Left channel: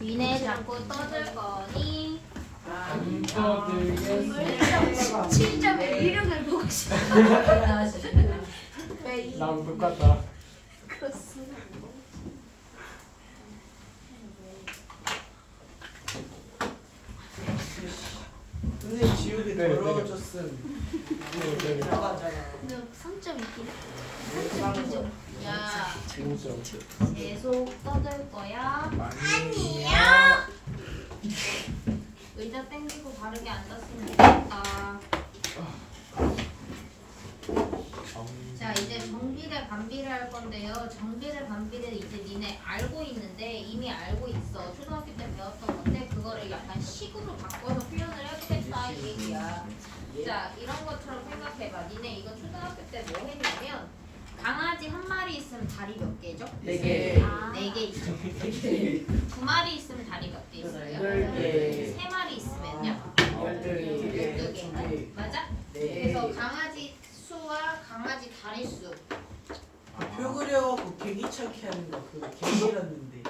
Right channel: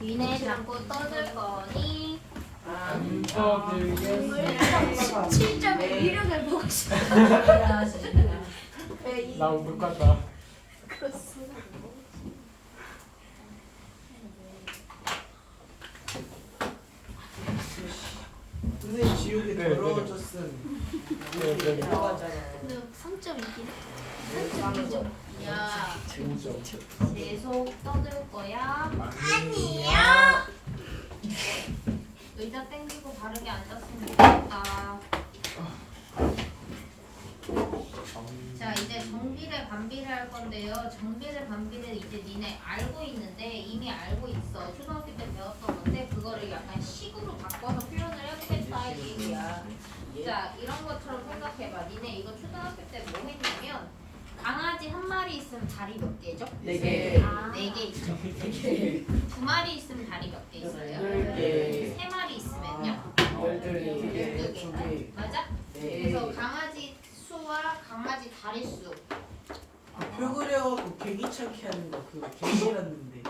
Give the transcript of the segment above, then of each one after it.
니네 자꾸 떠들 거니? 안 떠들겠어. 17.16을 보고 싶어. 나랑 똑같다. 선생님 지우개 네, 더러워졌음. 네. 나가잖아. 근데 3.2긴 3.2점. 야, 진짜. 계속 떠들 거야? 아니요. 의자 땡기고 바르게 앉았으면 좋겠다. 자, 이제 정비례 반비례 할 건데요. 정비례 반비례 이제 니네 알고 있는데 이미 알고 있어. 초등학교 때 배웠던 건데 그거를 약간 식으로 바꿔서 표현을 해보겠다 이 얘기야. 자, 이런 것처럼 생각해봐. 니네 이거 초등학교 때 뭐 했냐면 강아지 한 마리 있으면 다리 몇 개죠? 네 개. 네 개 있죠. 두 마리 있으면 다리 몇 개 있어요? 열 개. 세 마리 있으면요? 12개. 12개. 맞아? 네. 그래서 강아지 수와 강아지 다리 수. 표 그려갖고 개기차게 하는 거 그거 개기였는데.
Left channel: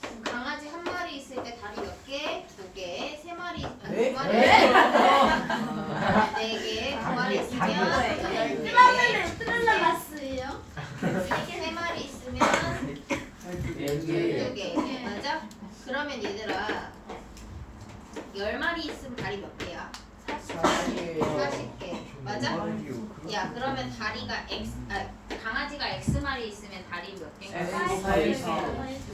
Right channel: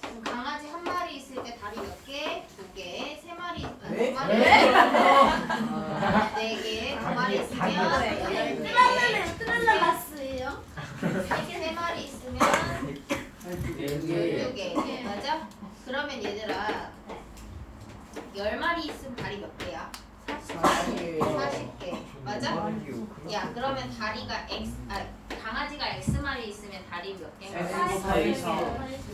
그럼 강아지 한 마리 있을 때 다리 몇 개? 두 개. 세 마리, 네? 두 마리, 네 개. 두 마리 있으면 뜯어놨어요. 세 마리 있으면 네 두 개. 맞아? 그러면 얘들아 10마리 있으면 다리 몇 개야? 40개. 맞아? 야, 그러면 다리가 강아지가 X마리 있으면 다리 몇 개인가? 4.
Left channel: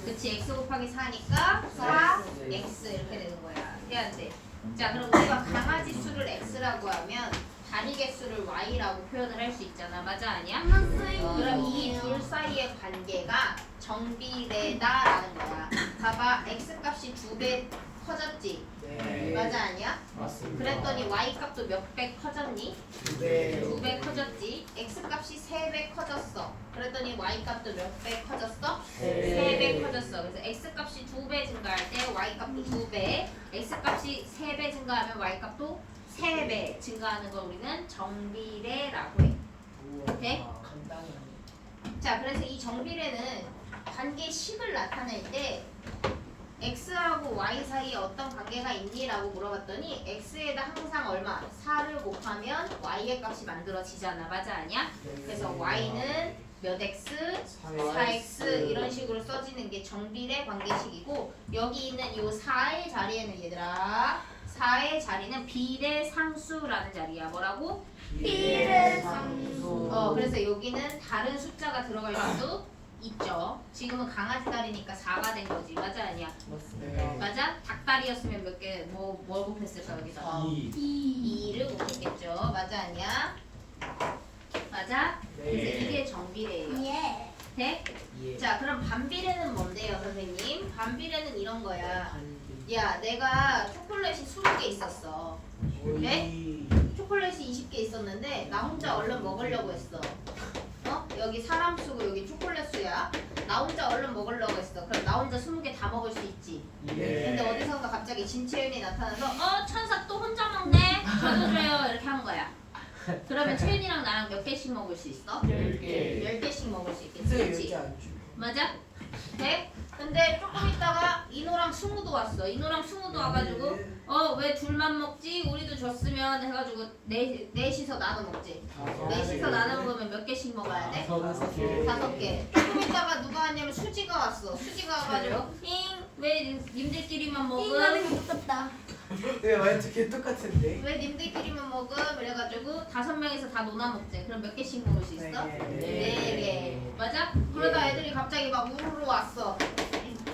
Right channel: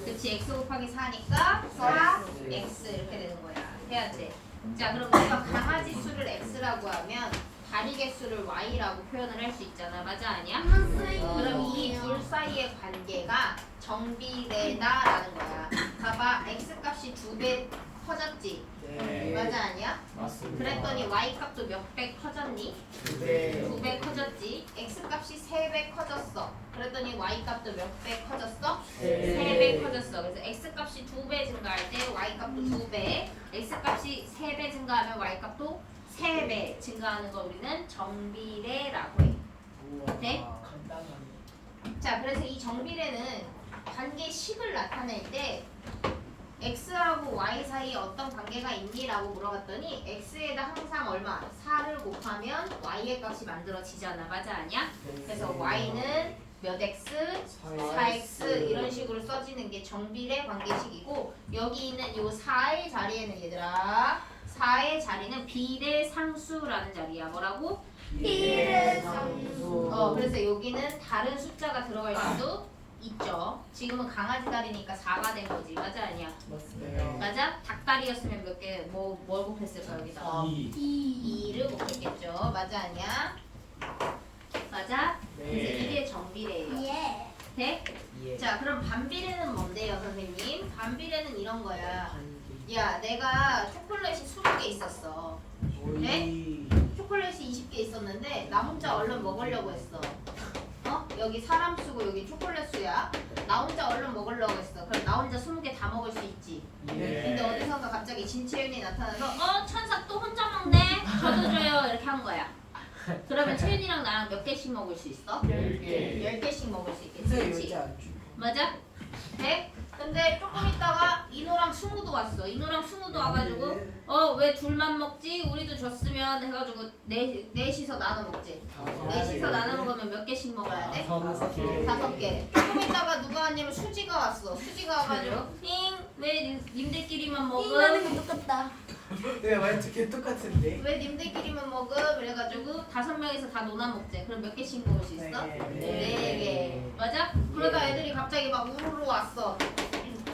그치, X 곱하기 4니까 4X 이렇게 되는 거야. 해야 돼. 자, 그럼 우리가 강아지 수를 X라고 하면 다리 개수를 Y라고 표현을 할 수 있잖아. 맞아, 아니야? 그럼 이 둘 사이의 관계가 정비례다라는 거야. 봐봐, X 값이 2배 커졌지? 네. 맞아, 아니야? 맞습니다. 그랬더니 Y 값도 몇 배 커졌니? 네. 2배 커졌지. X 값이 3배 커졌어. 그랬더니 Y 값도 몇 배 커졌어? 네. 3배 커졌어. 그래서 X 값이 2배 증가할 때 Y 값도 2배, X 값이 3배 증가하면 Y 값도 3배 증가하는 걸 우리는 정비례라고 해. 네? 자, 그래서 이 정비례는 관계식을 나타낼 때 X하고 Y 사이에 어떤 관계가 있니라고 물어봤더니 X에다 항상 얼마? 4를 곱하면 Y의 값이 만들어지잖아. 맞아, 아니야? 그래서 Y는 몇 X, 4X 이런 식으로 써지는 게 정비례 관계식이고 여기 있는 요 4의 자리에는 얘들아 4의 자리는 비례상수라는 자리야. 뭐라고? 비례상수. 그래서 여기는 다른 숫자가 들어갈 수도 있죠. 지금은 강아지 다리니까 4가 된 거지. 맞아, 아니야? 맞습니다. 맞아? 닭다리였으면 몇 개, 뭘 곱했을까, 여기다? 2. 2를 곱했겠죠. 맞아, 아니야? 맞아? 그래서 이게 정비례예요. 예. 돼? 예. 자, 그럼 반비례는 뭔데요, 선생님? 반비례는 이런 거야. 야, 내가 초콜릿이 20개 있었어. 네? 초콜릿이 20개 있었는데 나 혼자 얼른 먹으려고 했어. 여기 사람 수고 여기 초콜릿 수야. 나 혼자 얼른 먹으려고 했어. 그럼 나 혼자 20개 다 먹을 수 있지. 근데 어디선가 갑자기 진채윤이 나타나서 천사 또 혼자 먹네? 저도 줘요. 이렇게 한 거야. 그러면 채윤이랑 나랑 몇 개씩 먹을 수 있어? 10개. 10개씩 먹을 수 있겠지. 근데 그치? 여기 안 주. 맞아? 네? 근데 조금 있다가 이노랑 승우도 왔어. 이노랑 승우도 와가지고 왜 둘만 먹지? 우리도 줬으면 해가지고 넷이서 나눠 먹지. 넷이서 나눠 먹으면 몇 개씩 먹어야 돼? 5개. 조금 있다가 누가 왔냐면 수지가 왔어. 수지가 와가지고 왜 님들끼리만 먹음? 이거는 똑같다. 네, 완전 개 똑같은데. 왜 님들끼리만 먹음? 그래가지고 5명이서 다 논아 먹재. 그럼 몇 개씩 먹을 수 있어? 네. 4개. 맞아? 그러다 애들이 갑자기 막 우르르 왔어.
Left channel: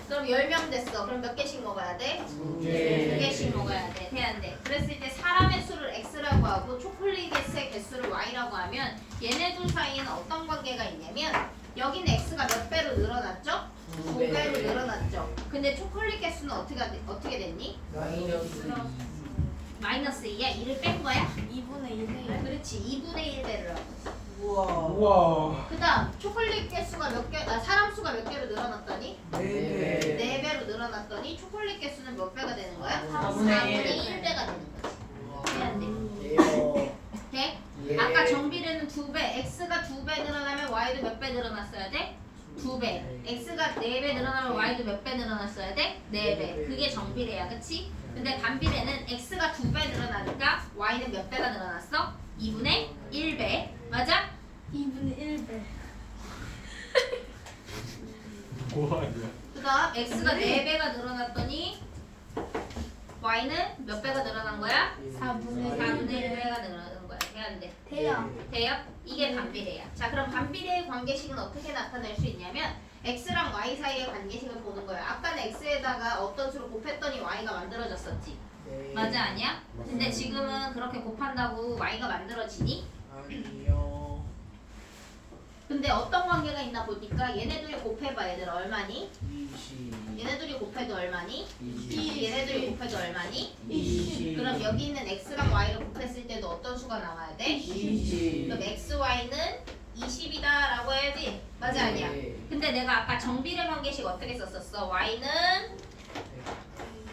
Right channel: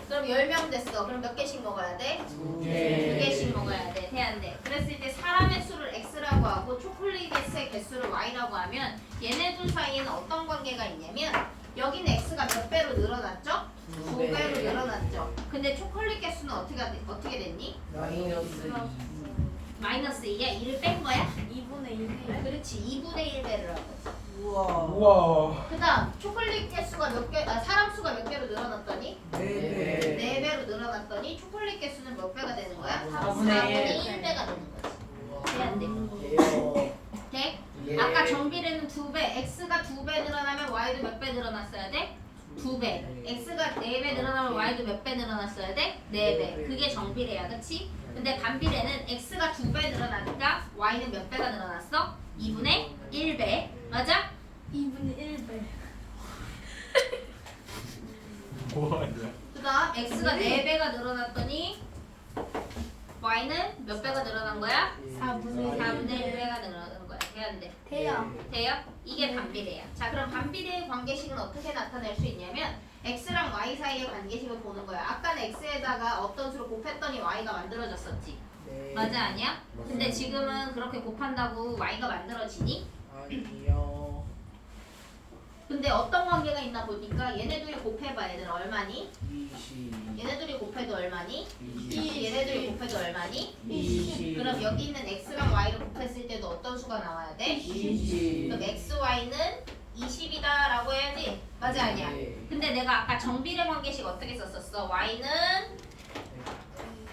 그럼 10명 됐어. 그럼 몇 개씩 먹어야 돼? 2개씩 먹어야 돼. 돼, 안 돼? 그랬을 때 사람의 수를 X라고 하고 초콜릿의 개수를 Y라고 하면 얘네 둘 사이에는 어떤 관계가 있냐면 여기는 X가 몇 배로 늘어났죠? 2배로 늘어났죠. 근데 초콜릿 개수는 어떻게 됐니? 마이너스 2야? 2를 뺀 거야? 2분의 1. 그렇지. 2분의 1배를 하고 있어. 우와. 그 다음 초콜릿 개수가 사람 수가 몇 개로 늘어났더니? 네. 4배로 늘어났더니 초콜릿 개수는 몇 배가 되는 거야? 4분의 1배가 되는 거지. 돼, 안 돼? 돼? 예. 아까 정비례는 2배, X가 2배 늘어나면 Y도 몇 배 늘어났어야 돼? 2배. x가 4배 늘어나면 y도 몇 배 늘어났어야 돼? 4배. 그게 정비례야, 그치? 근데 반비례는 x가 2배 늘어나니까 y는 몇 배가 늘어났어? 2분의 1배. 맞아? 2분의 1배. 뭐하냐? 그 다음 x가 4배가 늘어났더니 y는 몇 배가 늘어난 거야? 4분의 4분의 1배가 늘어나는 거야. 돼야 안 돼? 돼요. 돼요? 이게 반비례야. 자, 그럼 반비례의 관계식은 어떻게 나타낼 수 있냐면 x랑 y 사이의 관계식을 보는 거야. 아까는 x에다가 어떤 수로 곱했더니 y가 만들어졌었지. 네. 맞아, 아니야? 근데 지금은 그렇게 곱한다고 y가 만들어지니? 아니요. 근데 어떤 관계가 있나 보니까 얘네들이 곱해봐. 얘들 얼마니? 20. 얘네들이 곱해도 얼마니? 20. 얘네들이 곱해도 얼마니? 20. 그럼 여기 있는 x랑 y를 곱했을 때도 어떤 수가 나와야 돼? 20. 그럼 x, y는 20이다 라고 해야지. 맞아, 아니야? 네. 근데 내가 아까 정비례 관계식 어떻게 썼었어? y는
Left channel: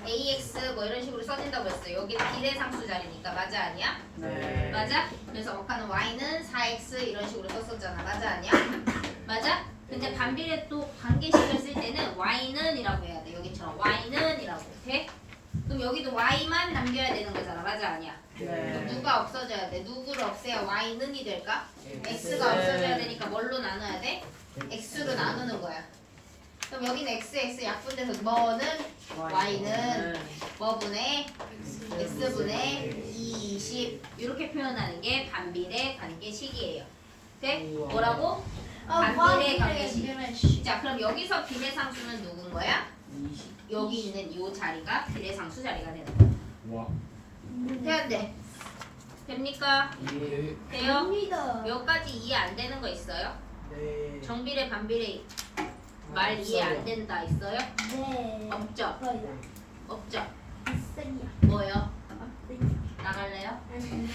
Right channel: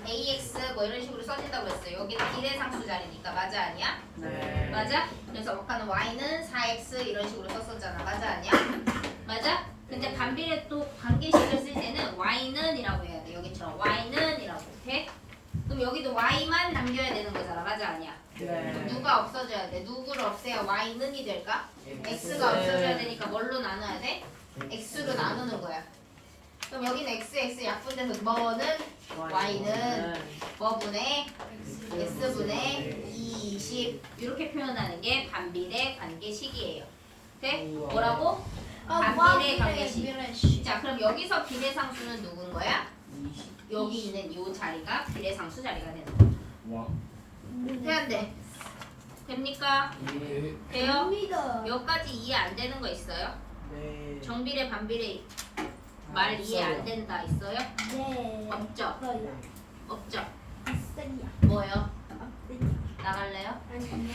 ax 뭐 이런 식으로 써진다고 했어. 여기는 비례상수 자리니까. 맞아, 아니야? 네. 맞아? 그래서 아까는 y는 4x 이런 식으로 썼었잖아. 맞아, 아니야? 맞아? 근데 반비례 또 관계식을 쓸 때는 y는 이라고 해야 돼. 여기처럼 y는 이라고. 돼? 그럼 여기도 y만 남겨야 되는 거잖아. 맞아, 아니야? 그럼 네. 누가 없어져야 돼? 누구를 없애야 y는이 될까? x가 없어져야 되니까 뭘로 나눠야 돼? x로 나누는 거야. 그럼 여기는 x 약분돼서 뭐는 y는 뭐분의 x분의 20 이렇게 표현하는 게 반비례 관계식이에요. 돼? 뭐라고? 반비례 관계식. 자, 그럼 여기서 비례상수는 누군 거야? 20. 여기 있는 이 자리가 비례상수 자리가 되는 거야. 와. 돼, 안 돼? 됩니까? 예. 돼요? 됩니다. 몇 가지 이해 안 되는 거 있어요? 네. 정비례, 반비례 말 이해 안 된다 있어요? 네. 없죠? 없어요. 없죠? 없어요. 뭐요? 없어요. 나갈래요? 아니요.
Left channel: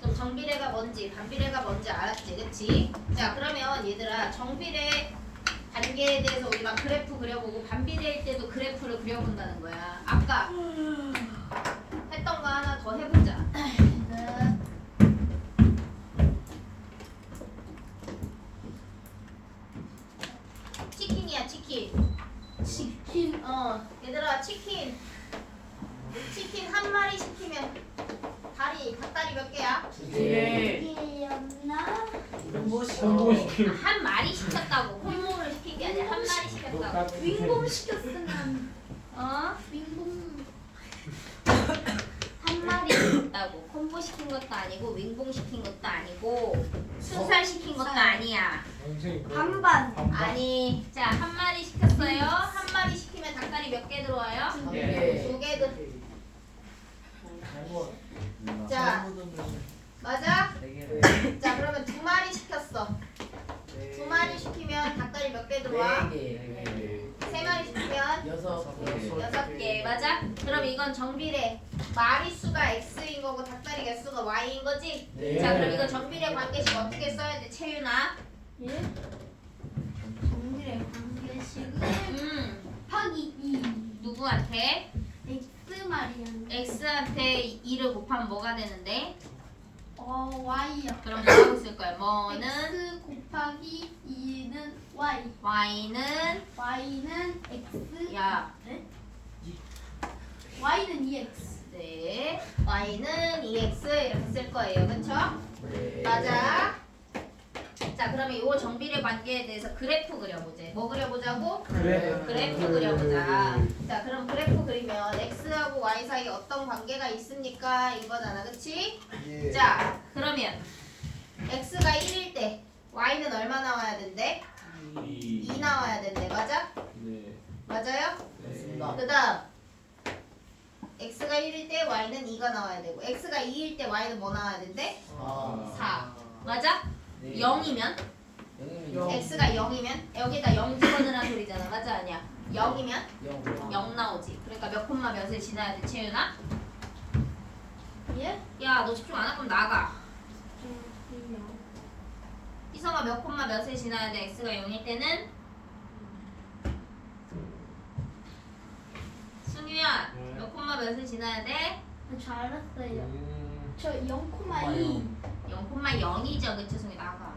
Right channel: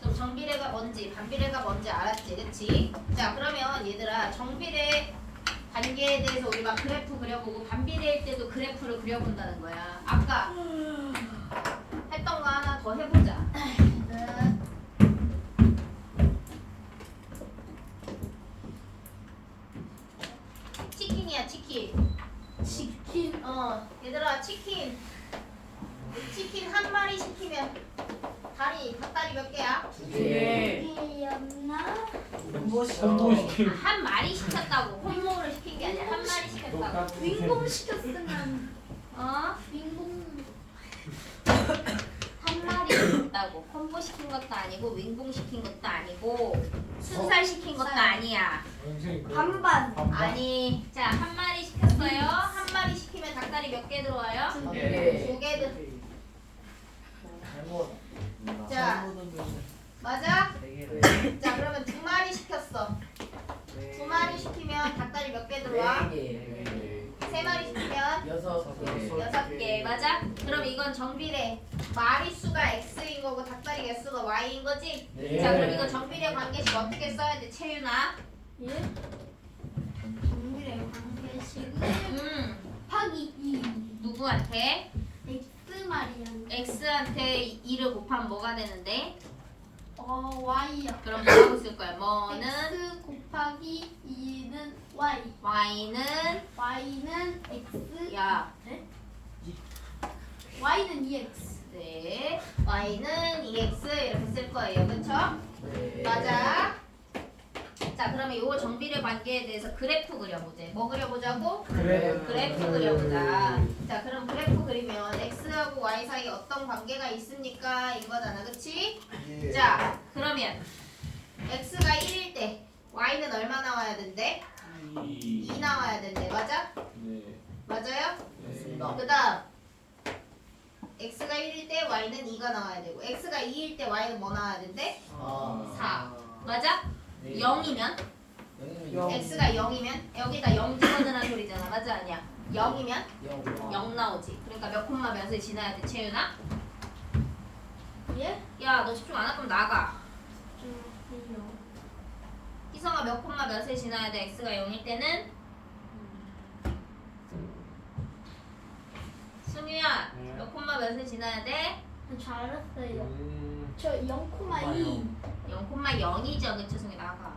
그럼 정비례가 뭔지 반비례가 뭔지 알았지, 그치? 자, 그러면 얘들아 정비례 관계에 대해서 우리가 그래프 그려보고 반비례일 때도 그래프를 그려본다는 거야. 아까 했던 거 하나 더 해보자. 네. 치킨이야, 치킨. 치킨. 얘들아 치킨 한 마리 시키면 닭다리 몇 개야? 네. 개였나? 홍보시키는 한 마리 시켰다고. 홀모를 시킨 게 아니라 한 마리 시켰다고. 똑같은 윙봉 시켰으면 어? 윙봉. 한 마리 시켰다고. 콤보 시킨 것도 아니고 윙봉 시킨 것도 아니고 순살 시킨 것도 아니야. 선생님 그래. 반반. 아니, 자, 한 마리 시켰어요. 한 마리 시키면 닭다리 몇 개 들어와요? 두 개. 개. 두 개 들. 자, 맞아? 자, 그러면 두 마리 시켰어. 두 마리 시키면 닭다리 몇 개 들어와? 세 마리 시키면 여섯 개. 맞아? 그럼 이건 정비례. 마리수가 x인 거고 닭다리 개수가 y인 거지? 네. 자, 그럼 이거 정비례 관계식 어떻게 써야 돼, 채윤아? 예? 정밀의 관계식은 곱하기 2. 누구한테? x 말이야. x한테 2를 곱하면 뭐가 되는데? y요. 그럼 뭐라고 쓸 거야? 뭐는 x 곱하기 2는 y. y는 y는 x. 야, y는 2x. 네, y는 2x 이렇게 쓸 거예요, 그렇죠? 맞아. 자, 그러면 이 정비례 관계에 대해서 그래프 그려보자. 뭐 그려보자고? 그래프 그려보자. 자, 그럼 그래프 그리면 x하고 y 사이에 어떤 관계가 있습니까? 이거잖아, 그치? 자, 그러면 x가 1일 때 y는 얼마 나와야 된대? 2 나와야 된대, 맞아? 네. 맞아요? 그 다음 x가 1일 때 y는 2가 나와야 되고 x가 2일 때 y는 뭐 나와야 된대? 4. 맞아? 0이면 x가 0이면 여기다 0 집어넣으라는 소리잖아. 맞아, 아니야? 0이면 0 나오지. 그러니까 몇 콤마 몇을 지나야 돼, 채윤아? 예? 야, 너 집중 안 할 거면 나가. 좀요. 희성아, 몇 콤마 몇을 지나야 돼? x가 0일 때는? 승유야, 네. 몇 콤마 몇을 지나야 돼? 잘했어요. 저 0,2. 0,0이죠, 그치? 승유 나가.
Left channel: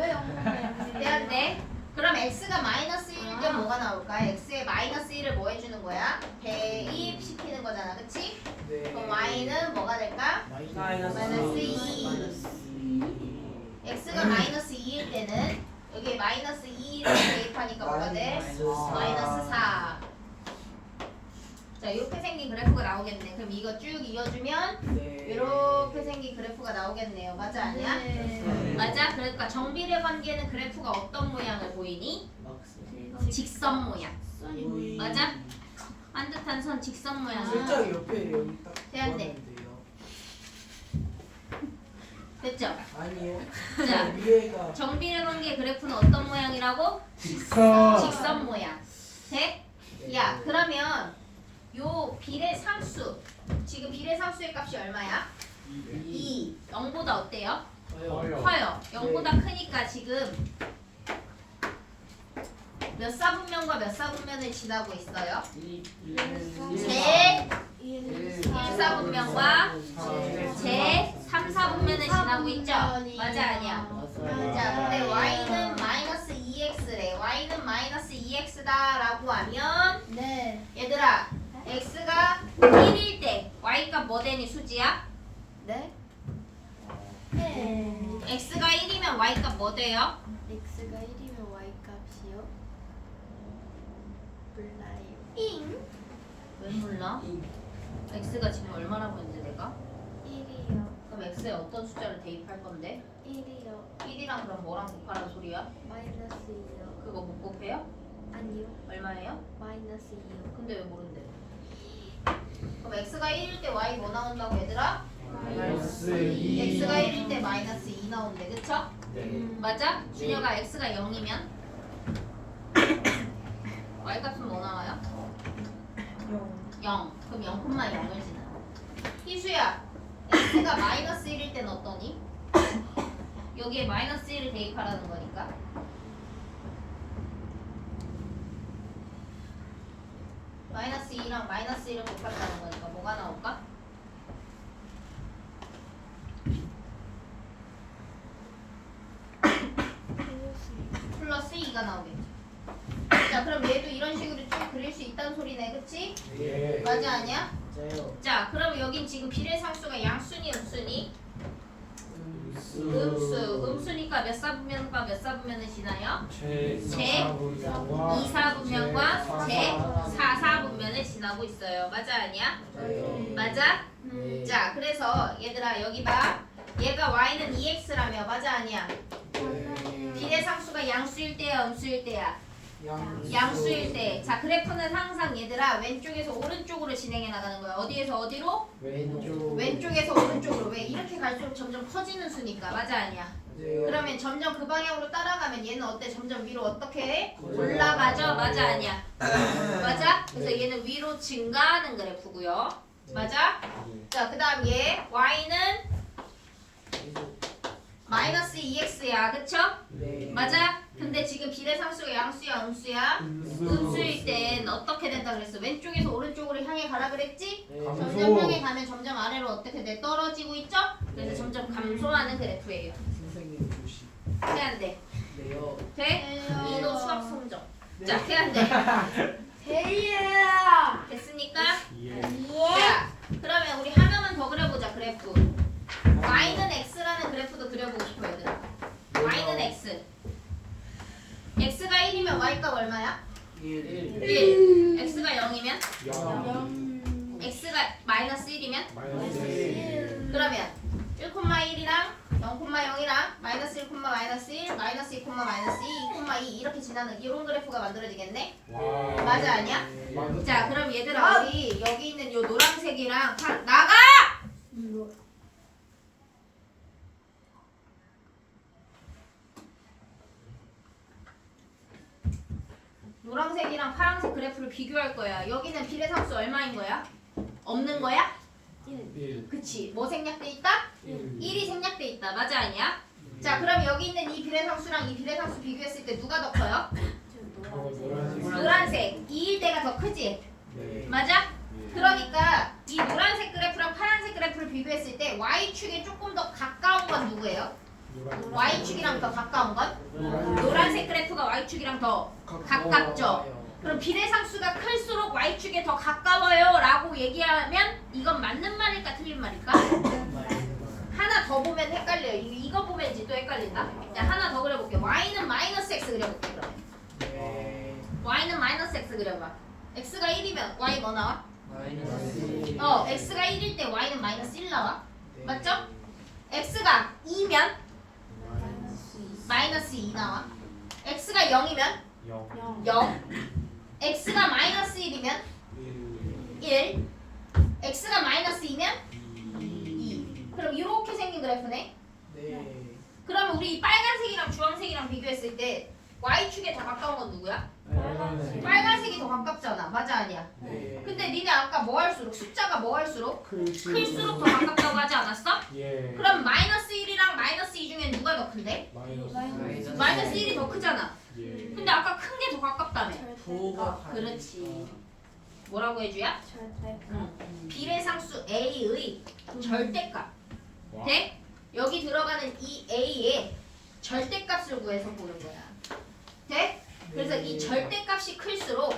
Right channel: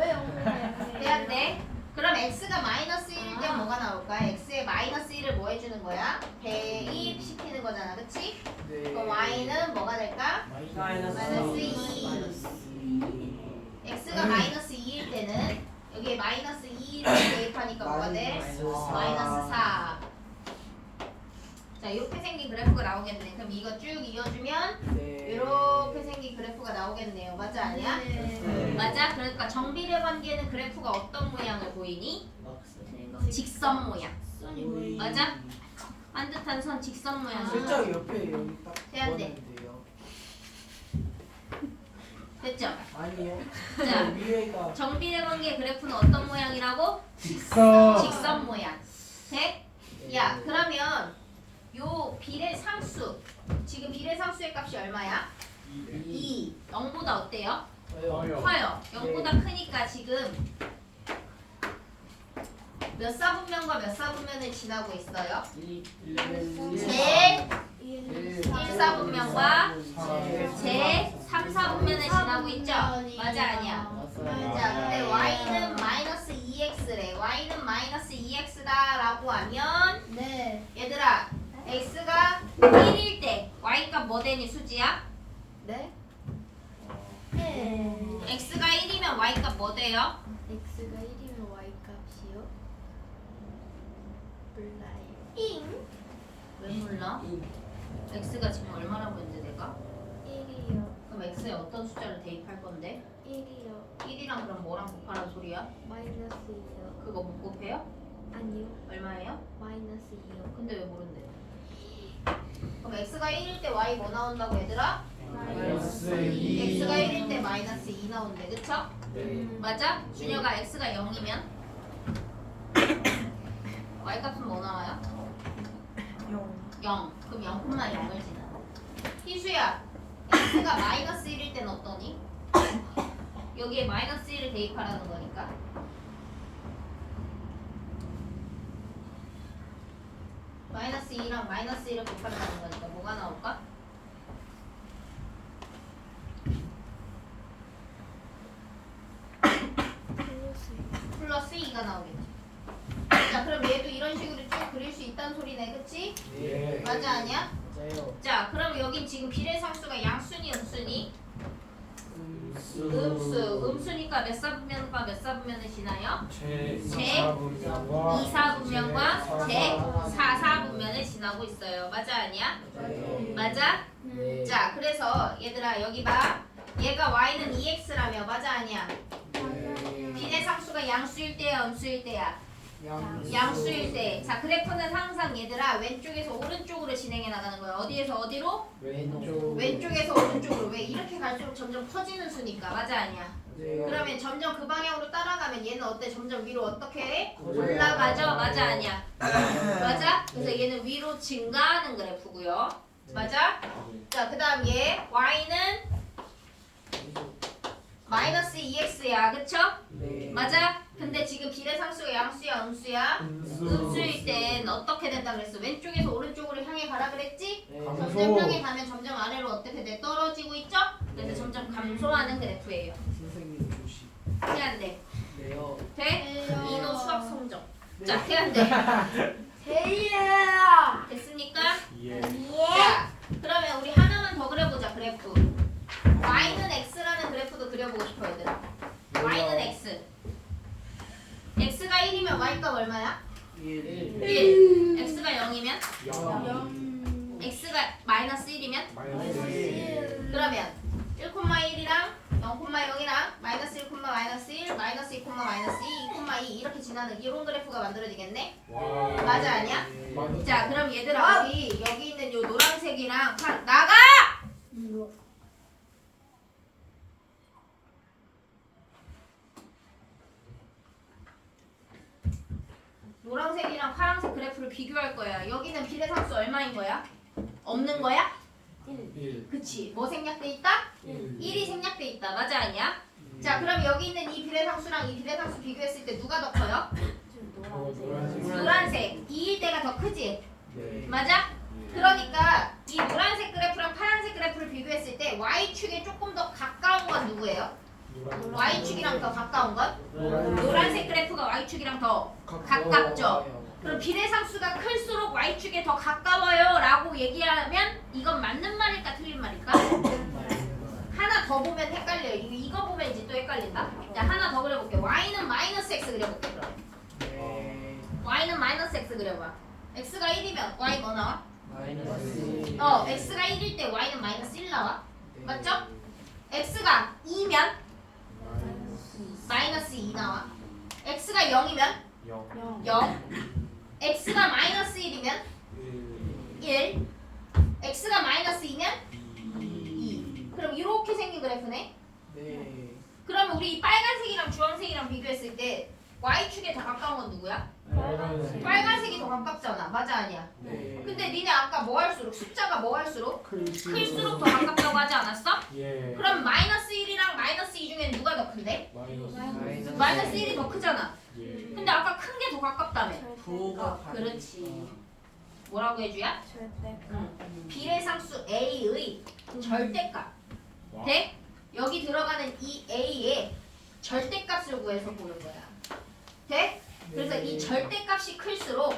왜 영어가 돼안돼? 그럼 x가 마이너스 1일 때 뭐가 나올까? x의 마이너스 1을 뭐 해주는 거야? 대입시키는 거잖아, 그치? 네. 그럼 y는 뭐가 될까? 마이너스 2. x가 마이너스 2일 때는 여기에 마이너스 2를 대입하니까 뭐가 돼? 마이너스 4. 자, 이렇게 생긴 그래프가 나오겠네. 그럼 이거 쭉 이어주면 네. 이렇게 생긴 그래프가 나오겠네요. 맞아, 아니야? 네. 맞아? 그러니까 정비례 관계는 그래프가 어떤 모양을 보이니? 직선 모양. 맞아? 반듯한 선 직선 모양. 살짝 옆에 여기 딱 돼안돼? 그거는데요. 됐죠? 아니요. 자, 위에가 정비례 관계 그래프는 어떤 모양이라고? 직선. 직선 모양. 돼? 야, 그러면 요 비례상수, 지금 비례상수의 값이 얼마야? 2. 0보다 어때요? 커요. 커요. 0보다 크니까 지금 몇 사분면과 몇 사분면을 지나고 있어요? 제 1사분면과 제 3사분면을 지나고 있죠? 맞아, 아니야? 자, 근데 y는 마이너스 2x래. y는 마이너스 2x다 라고 하면 네. 얘들아, x가 1일 때 y값 뭐 되니, 수지야? 네. 네. x가 1이면 y값 뭐 돼요? x가 1이면 y 값이요? 몰라요. 왜 몰라? x가 지금 얼마라고 했는데 내가? 1이요. 그럼 x에 어떤 숫자를 대입할 건데? 1이요. 1이랑 그럼 뭐랑 곱하라는 소리야? 마이너스 2요. 그거 못 곱해요? 아니요. 얼마예요? 마이너스 2요. 근데 왜 모른대? 그럼 x가 1일 때 y 뭐 나온다고 얘들아? 마이너스 2. x가 1일 때 마이너스 2 나온대, 그쵸? 네. 맞아? 준혁아 x가 0이면 y 값은 뭐 나와요? 0. 그럼 0,0을 지나. 희수야, x가 마이너스 1일 땐 어떠니? 여기에 마이너스 1을 대입하라는 거니까. 마이너스 2랑 마이너스 1을 곱한다는 거니까 뭐가 나올까? 플러스 2가 나오겠지. 자, 그럼 얘도 이런 식으로 쭉 그릴 수 있다는 소리네, 그치? 예. 맞아, 아니야? 맞아요. 자, 그럼 여긴 지금 비례상수가 양수니 음수니? 음수. 음수니까 몇 사분면과 몇 사분면을 지나요? 제 제 4분면과 2사분면과 제 4사분면을 지나고 있어요. 맞아, 아니야? 맞아요. 맞아? 네. 자, 그래서 얘들아 여기 봐. 얘가 y는 2x라며. 맞아, 아니야? 네. 비례상수가 양수일 때야, 음수일 때야? 양수. 양수일 때. 자, 그래프는 항상 얘들아 왼쪽에서 오른쪽으로 진행해 나가는 거야. 어디에서 어디로? 왼쪽. 왼쪽에서 오른쪽으로. 왜? 이렇게 갈수록 점점 커지는 수니까. 맞아, 아니야? 네. 그러면 점점 그 방향으로 따라가면 얘는 어때? 점점 위로 어떻게 해? 올라가요. 올라가죠? 맞아, 아니야? 맞아? 그래서 얘는 위로 증가하는 그래프고요. 맞아? 자, 그 다음 얘 y는 마이너스 2x야, 그쵸? 네. 맞아? 근데 지금 비례상수가 양수야, 음수야? 음수일 땐 어떻게 된다 그랬어? 왼쪽에서 오른쪽으로 향해 가라 그랬지? 네. 점점 향해 가면 점점 아래로 어떻게 돼? 떨어지고 있죠? 그래서 네. 점점 감소하는 그래프예요. 선생님 조심. 돼, 안 돼? 네요. 돼? 이노 수학 성적. 자, 돼, 안 돼? 대리야. 됐습니까? 예. 자, 그러면 우리 하나만 더 그려보자, 그래프. y는 x라는 그래프도 그려보고 싶어, 얘들아. y는 x. x가 1이면 y값 얼마야? 1. 1. x가 0이면? 0. x가 마이너스 1이면? 마이너스 1. 그러면 1,1이랑 0,0이랑 마이너스 1, 마이너스 1, 마이너스 2, 마이너스 2, 2 이렇게 지나는 이런 그래프가 만들어지겠네? 와. 맞아, 아니야? 맞아. 자, 그럼 얘들아 우리 여기 있는 요 노란색이랑 나가! 노란색이랑 파란색 그래프를 비교할 거야. 여기는 비례상수 얼마인 거야? 없는 거야? 1. 그치. 뭐 생략돼 있다? 1이 생략돼 있다. 맞아, 아니야? 음. 자, 그럼 여기 있는 이 비례상수랑 이 비례상수 비교했을 때 누가 더 커요? 노란색. 2일 때가 더 크지? 네. 맞아? 그러니까 이 노란색 그래프랑 파란색 그래프를 비교했을 때 y축에 조금 더 가까운 건 누구예요? 노란. y축이랑 더 가까운 것? 노란. 노란색 그래프가 y축이랑 더 가깝죠? 그럼 비례상수가 클수록 y축에 더 가까워요 라고 얘기하면 이건 맞는 말일까 틀린 말일까? 하나 더 보면 헷갈려요. 이거 보면 이제 또 헷갈린다. 자, 하나 더 그려볼게. y는 마이너스 x 그려볼게 그러면. 네. y는 마이너스 x 그려봐. x가 1이면 y 뭐 나와? 마이너스. x가 1일 때 y는 마이너스 1 나와. 맞죠? x가 2면 마이너스 2 나와. x가 0이면 0. 0. x가 마이너스 1이면 1. x가 마이너스 2면 2. 그럼 이렇게 생긴 그래프네. 네. 그러면 우리 이 빨간색이랑 주황색이랑 비교했을 때 y축에 더 가까운 건 누구야? 빨간색. 빨간색이 더 가깝잖아. 맞아 아니야? 네. 근데 니네 아까 뭐 할수록 숫자가 뭐 할수록 클수록 더 클수록. 가깝다고 하지 않았어? 예. 그럼 마이너스 1이랑 마이너스 2 중에 누가 더 큰데? 마이너스. 마이너스 1이 더 크잖아. 예. 근데 아까 큰 게 더 가깝다며. 부호가 그렇지. 뭐라고 해줘야? 절대. 비례상수 a의 절대값. 와. 돼? 여기 들어가는 이 a의 절대값을 구해서 보는 거야. 돼? 그래서 이 절대값이 클수록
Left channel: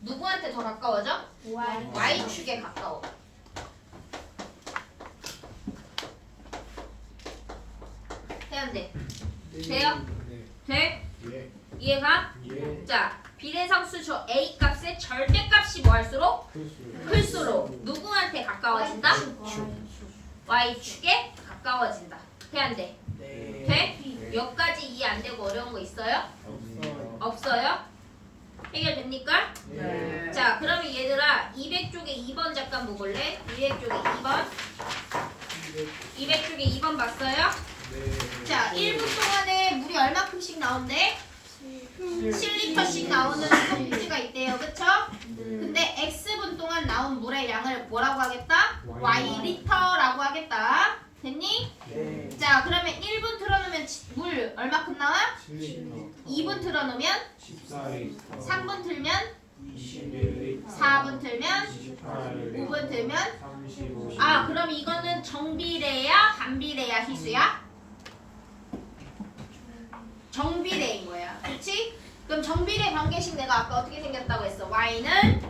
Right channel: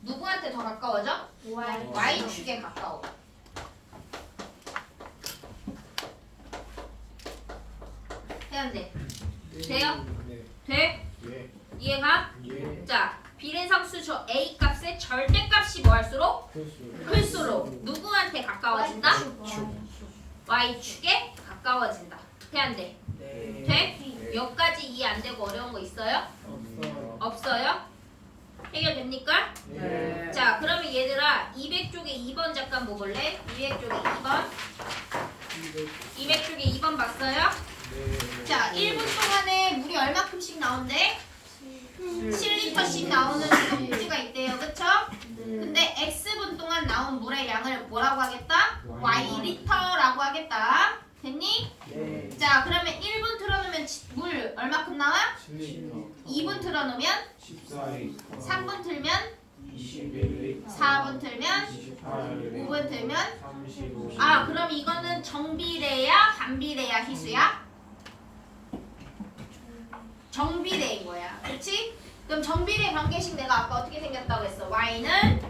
누구한테 더 가까워져? y축에 가까워. 해야 돼. 돼요? 네. 돼? 예. 이해가? 예. 자, 비례상수 저 a 값의 절대값이 뭐 할수록? 클수록. 클수록 누구한테 가까워진다? 축. y축에 가까워진다. 돼 안 돼? 네. 돼? 여기까지 이해 안 되고 어려운 거 있어요? 없어요. 없어요? 해결됩니까? 네. 자, 그러면 얘들아 200쪽에 2번 잠깐 보볼래? 200쪽에 2번 200쪽에 2번 봤어요? 네. 자, 1분 동안에 물이 얼마큼씩 나온대? 7리터씩 나오는 컵주가 있대요. 그쵸? 근데 X분 동안 나온 물의 양을 뭐라고 하겠다? Y리터라고 하겠다. 됐니? 네. 자, 그러면 1분 틀어놓으면 물 얼마큼 나와? 7리터. 2분 틀어놓으면 14리터. 3분 틀면 21리터. 4분 틀면 28리터. 5분 틀면 35. 아, 그럼 이거는 정비례야? 반비례야? 희수야? 정비례인 거야. 그렇지? 그럼 정비례 관계식 내가 아까 어떻게 생겼다고 했어? y는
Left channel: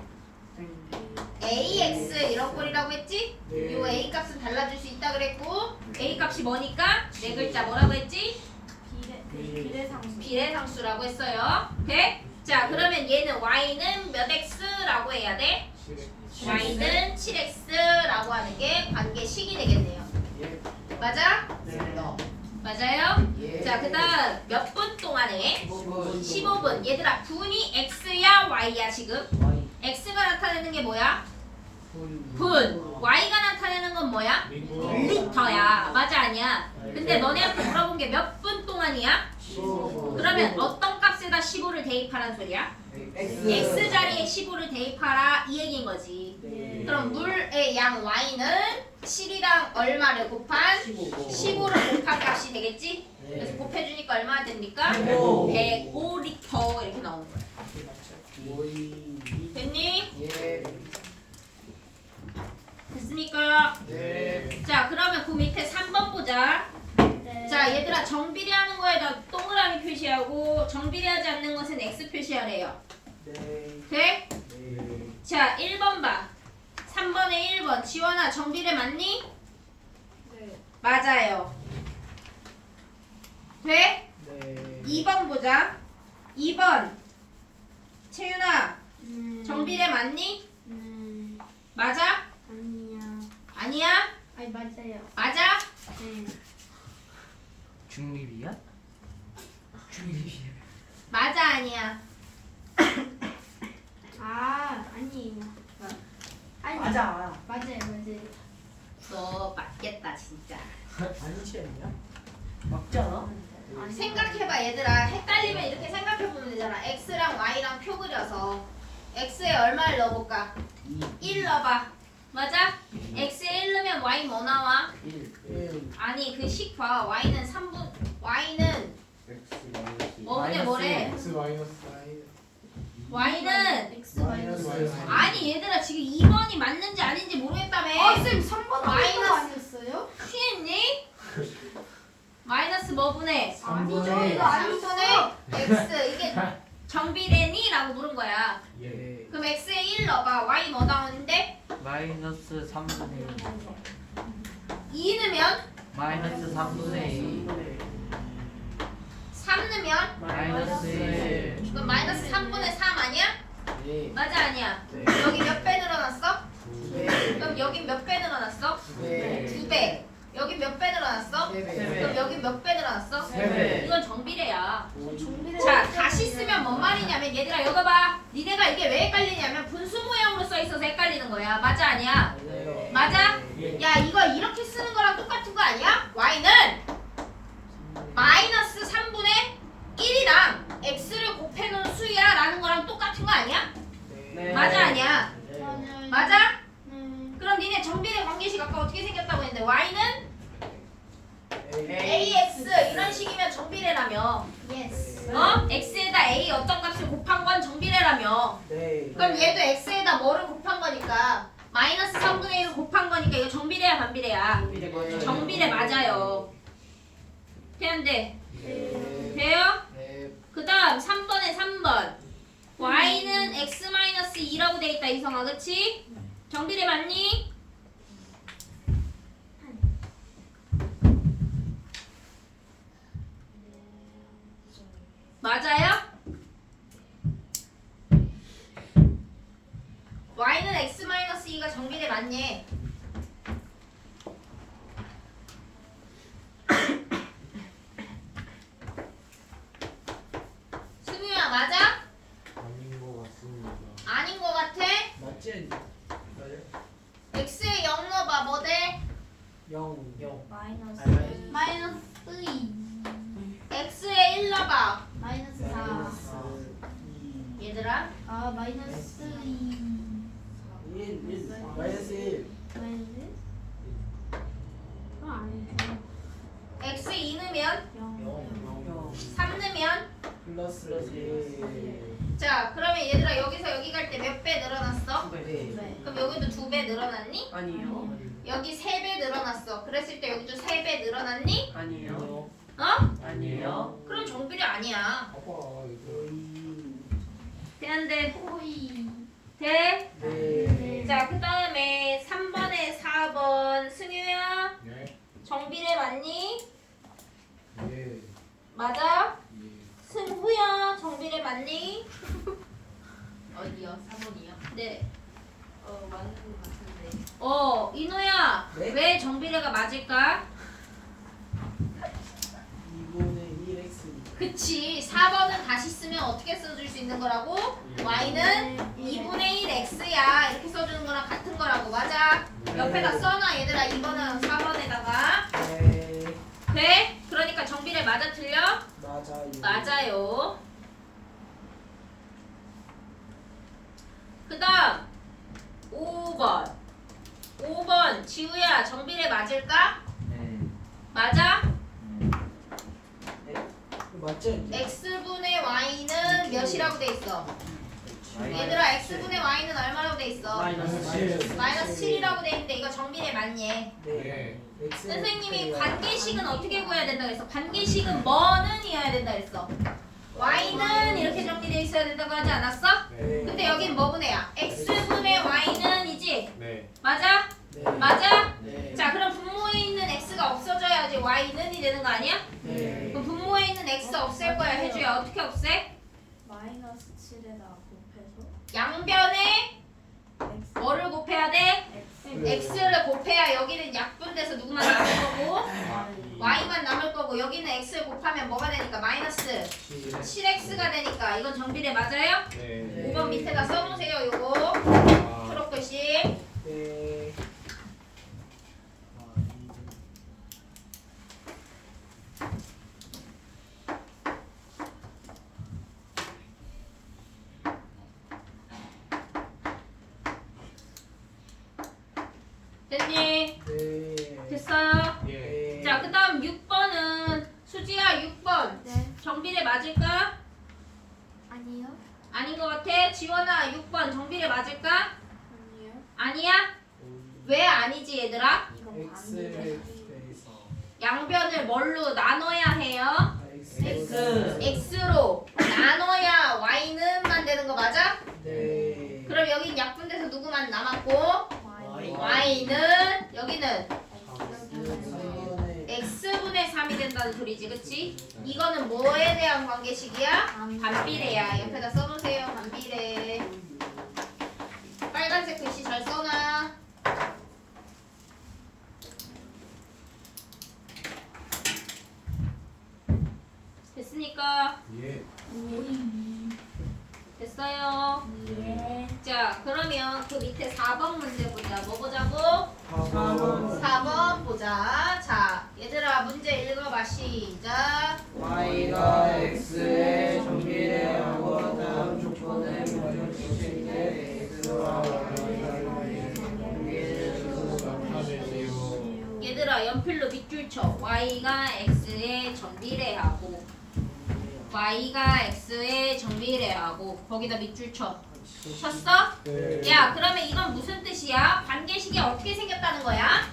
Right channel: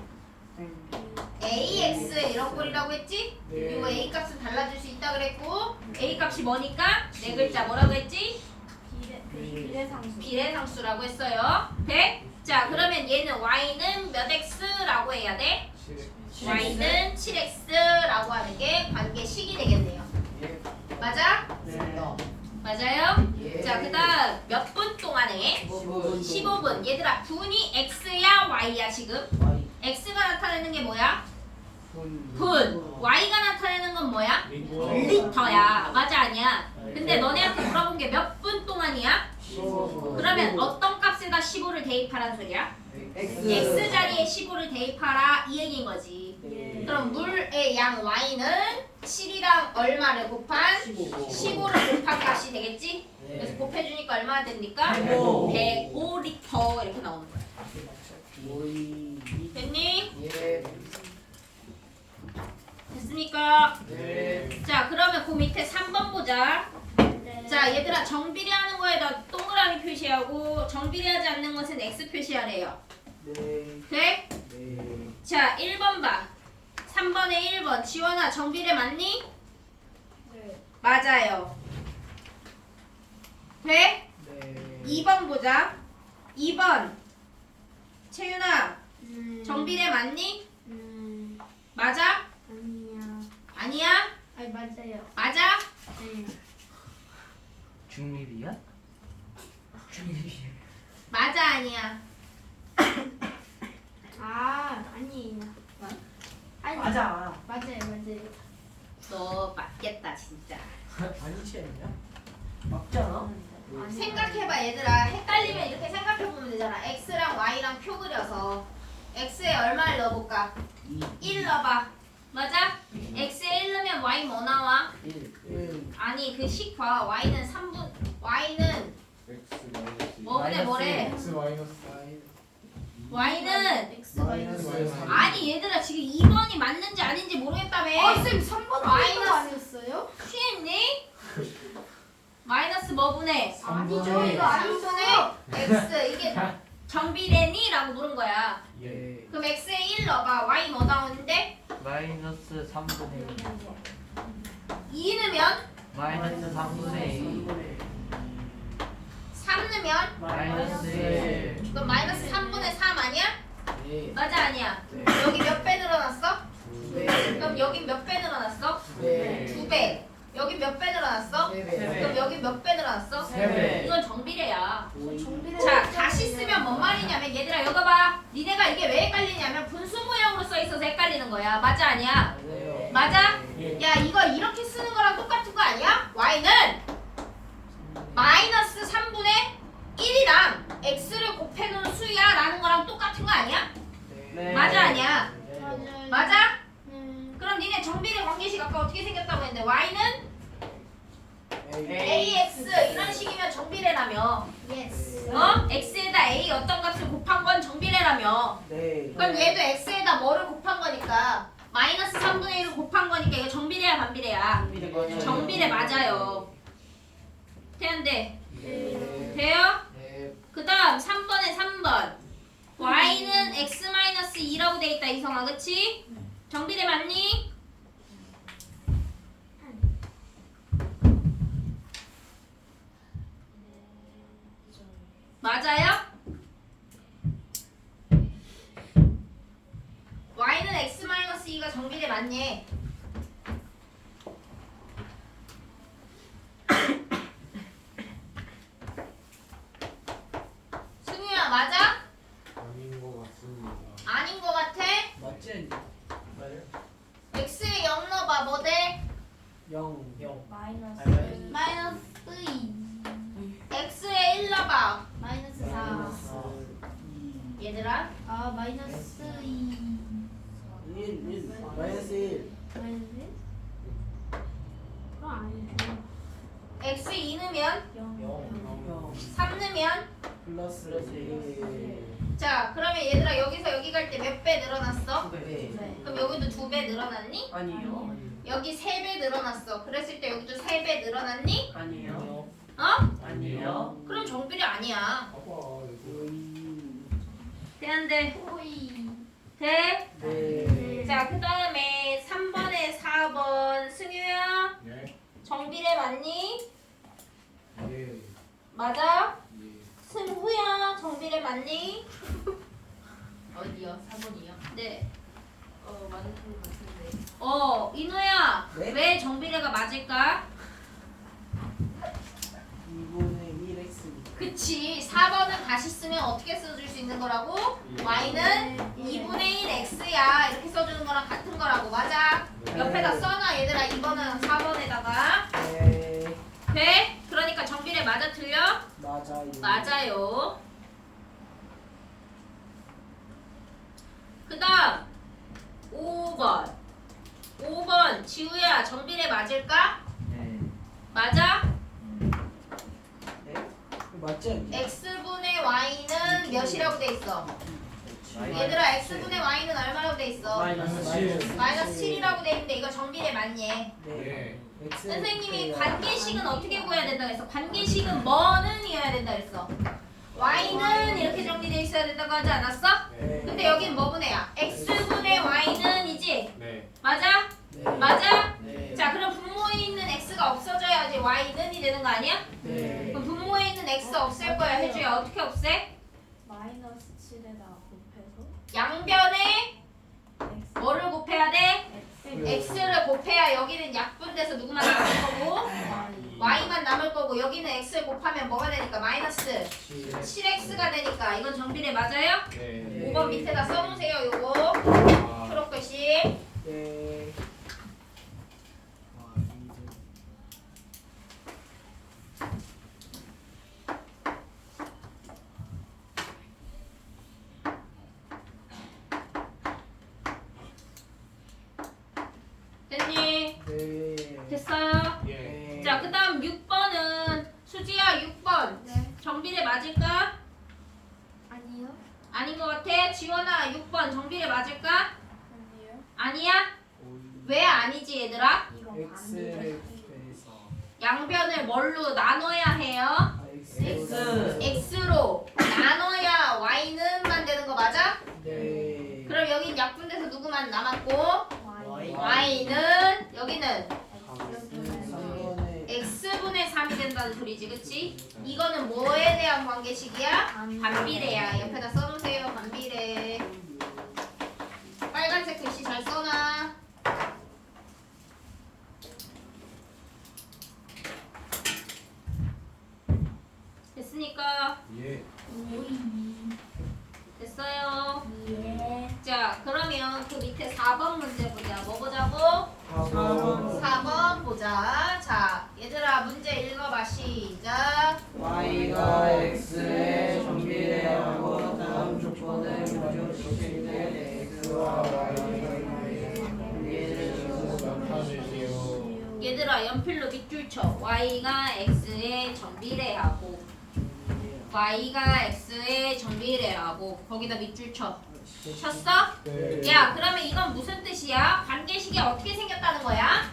ax 이런 꼴이라고 했지? 네. 그리고 a 값은 달라질 수 있다 그랬고 a 값이 뭐니까? 네 글자 뭐라고 했지? 비례상수. 비례상수라고 했어요. 돼? 자, 그러면 얘는 y는 몇 x라고 해야 돼? y는 7x라고 하는 게 관계식이 되겠네요. 예. 맞아? 네. 맞아요? 예. 자, 그 다음 몇 분 동안에? 15분. 15분. 얘들아, 분이 x야 y야 지금? x가 나타내는 게 뭐야? 분. y가 나타내는 건 뭐야? 리터야. 맞아 아니야? 근데 너네한테 물어본 게 몇 분 동안이야? 15분. 그러면 어떤 값에다 15를 대입하라는 소리야? x 자리에 15를 대입하라 이 얘기인 거지. 네. 그럼 물의 양 y는 7이랑 얼마를 곱한 15를 곱한 값이 되겠지? 그래서 곱해주니까 얼마나 됩니까? 105리터 이렇게 나오는 거야. 됐니? 예. 됐습니까? 네. 자, 그러면 그 밑에 3번 보자. 네. 자, 얘들아 정비례하는 거에다 동그라미 표시하고 정비례하지 않는 것은 X 표시하래요. 네. 돼? 네. 자, 1번 봐. 3번에 1번. 지원아, 정비례 맞니? 네. 맞아요. 돼? 네. 2번 보자. 2번. 채윤아, 정비례 맞니? 맞아? 아니야. 아니야? 아니 맞아요. 맞아? 네. 중립이야? 중립이. 맞아, 아니야? 아니에요. 아니 맞아. 맞아요 맞아요. 너 맞겠다, 진짜. 아니지 않냐? 맞지 않아? 생각해봐, 얘들아. 헷갈리면 이렇게 생각해보면 되잖아. X랑 Y랑 표 그려서 X에 얼마를 넣어볼까? 1 넣어봐. 맞아? X에 1 넣으면 Y 뭐 나와? 1. 아니, 그 식 봐. Y는 3분, Y는 X 마이너스. 뭐래 뭐래? X 마이너스. Y는 X 마이너스. 아니, 얘들아 지금 2번이 맞는지 아닌지 모르겠다며. 쌤 3번 마이너스. 아니었어요? 취했니? 마이너스 뭐 분의? 아니죠. 이거 아니죠. x 이게 정비례니? 라고 물은 거야. 예. 그럼 x에 1 넣어봐. y 뭐 나오는데? 마이너스 3분의 2 넣으면? 마이너스 3분의 2 3 넣으면? 마이너스 1 그럼 마이너스 3분의 3 아니야? 네. 맞아 아니야? 네. 여기 몇 배 늘어났어? 네. 그럼 여기 몇 배 늘어났어? 네. 2배. 여기 몇 배 늘어났어? 네. 그럼 여기 몇 배 늘어났어? 세 배. 이건 정비례야. 정비례. 자, 다시 쓰면 뭔 말이냐면 얘들아 이거 봐. 니네가 이게 왜 헷갈리냐면 분수 모양으로 써 있어서 헷갈리는 거야. 맞아 아니야? 맞아요. 맞아? 예. 야 이거 이렇게 쓰는 거랑 똑같은 거 아니야? y는 마이너스 3분의 1이랑 x를 곱해놓은 수야 라는 거랑 똑같은 거 아니야? 네. 맞아 아니야? 맞아요. 맞아? 네. 그럼 니네 정비례 관계식 아까 어떻게 생겼다고 했는데 y는 A. ax 이런 식이면 정비례라며. 예스. x에다 a 어떤 값을 곱한 건 정비례라며. 네. 그럼 얘도 x에다 뭐를 곱한 거니까 마이너스 3분의 1을 곱한 거니까 이거 정비례야 반비례야? 정비례 맞아요. 되는데 네. 돼요? 네. 그 다음 3번에 3번 y는 x-2라고 돼 있다 이성아 그치? 정비례 맞니? 맞아요? y는 x-2가 정비례 맞니? 승우야 맞아? 아닌 것 같습니다. 아닌 거 같아? 맞지 않니? 맞아요. x에 0 넣어봐 뭐 돼? 0. 마이너스. 마이너스 2. x에 1 넣어봐 마이너스 4. 2. 얘들아 아 마이너스 2. 1. 마이너스 1. 마이너스 1? 그건 아니죠. x 2 넣으면 0. 3 넣으면 플러스 1. 자 그러면 얘들아 여기서 여기 갈 때 몇 배 늘어났어? 네. 그럼 여기도 2배 늘어났니? 아니요. 여기 3배 늘어났어 그랬을 때 여기도 3배 늘어났니? 아니요. 어? 아니요. 그럼 정비례 아니야 봐봐 이거. 되는데 호이. 돼? 네. 자 그 다음에 3번에 4번 승유야 네. 정비례 맞니? 예. 맞아? 예. 승후야 정비례 맞니? 어디요? 4번이요? 네. 맞는 것 같은데. 이노야 네? 왜 정비례가 맞을까? 2분의 1x. 그치 4번은 다시 쓰면 어떻게 써줄 수 있는 거라고? y는 2분의 1 x야 이렇게 써주는 거랑 같은 거라고 맞아? 네. 옆에다 써놔 얘들아 2번은 4번에다가 네. 돼? 그러니까 정비례 맞아 틀려? 맞아요. 맞아요 그 다음 5번 지우야 정비례 맞을까? 네. 맞아? 맞지 않니? x분의 y는 몇이라고 돼 있어? 얘들아 x분의 y는 얼마라고 돼 있어? 마이너스 7이라고 돼 있는데 이거 정비례 맞니? 네. X. 선생님이 관계식은 어떻게 구해야 된다 그랬어? 관계식은 뭐는이어야 된다 그랬어? y는 이렇게 정비되어 있어야 된다고 하지 않았어? 네. 근데 여긴 뭐 분해야? x분의 y는이지? 네. 맞아? 네. 맞아? 네. 자 그럼 분모에 있는 x가 없어져야지 y는이 되는 거 아니야? 네. 그럼 분모에 있는 x 없앨 거야 해주야 어떻게 없애? 마이너스 7에다 곱해서 양변에 x. 뭐를 곱해야 돼? x. x를 곱해야 여기는 약분돼서 누구만 남을 거고 y. y만 남을 거고 여기는 x를 곱하면 뭐가 되니까 마이너스 7x가 되니까 이건 정비례 맞아요? 네. 5번 밑에다 써놓으세요 요거 아, 초록글씨 네. 됐니? 네. 됐어요? 예. 자 그 다음 6번은 수지야 6번 네. 정비례 맞을까? 아니요. 아닌 것 같아? 지원아 6번 정비례 맞을까? 아니요. 아니야? 왜 아니지 얘들아? 이거 X에 대해서 양변을 뭘로 나눠야 해요? X. x로 나눠야 y는 만드는 거 맞아? 네. 그럼 여긴 약분돼서 누구만 남았고 Y. y는 여기는 3번에 x분의 3이 된다는 소리지 그치? 이거는 뭐에 대한 관계식이야? 반비례야. 옆에다 써놓으세요. 반비례. 빨간색 글씨 잘 써놔. 됐습니까? 예. 됐어요. 예. 자 그러면 그 밑에 4번 문제 보자. 뭐 보자고? 4번. 4번 보자. 자 얘들아 문제 읽어봐. 시작. Y가 X에 정비례하고 다음 조건을 만족시킬 때 X와 Y가 관계를 나타내세요. 얘들아 연필로 밑줄 쳐. y가 x에 정비례하고 y가 x에 정비례하고 거기다 밑줄 쳐. 쳤어? 네. 야 그러면 이건 무슨 뜻이야? 관계식이 어떻게 생겼다는 거야?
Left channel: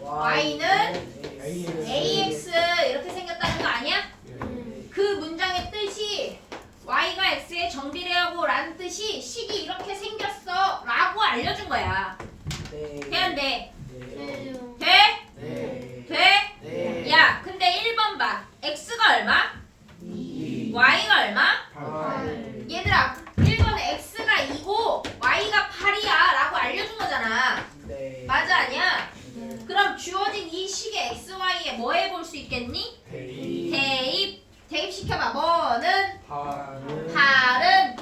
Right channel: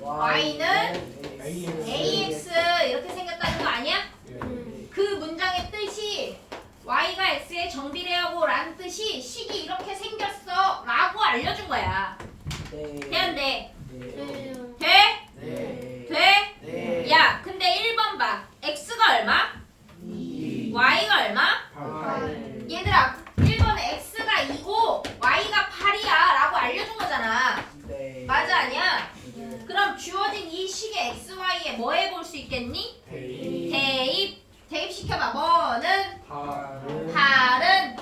Y는 ax 이렇게 생겼다는 거 아니야? 예. 그 문장의 뜻이 y가 x에 정비례하고 라는 뜻이 식이 이렇게 생겼어 라고 알려준 거야. 네. 돼 안 돼? 네. 돼? 네. 돼? 네. 야 근데 1번 봐. x가 얼마? 2. y가 얼마? 8. 얘들아 1번에 x가 2고 y가 8이야 라고 알려준 거잖아. 네. 맞아 아니야? 네. 그럼 주어진 이 식의 xy에 뭐 해볼 수 있겠니? 대입. 대입시켜봐. 뭐는? 8은 8은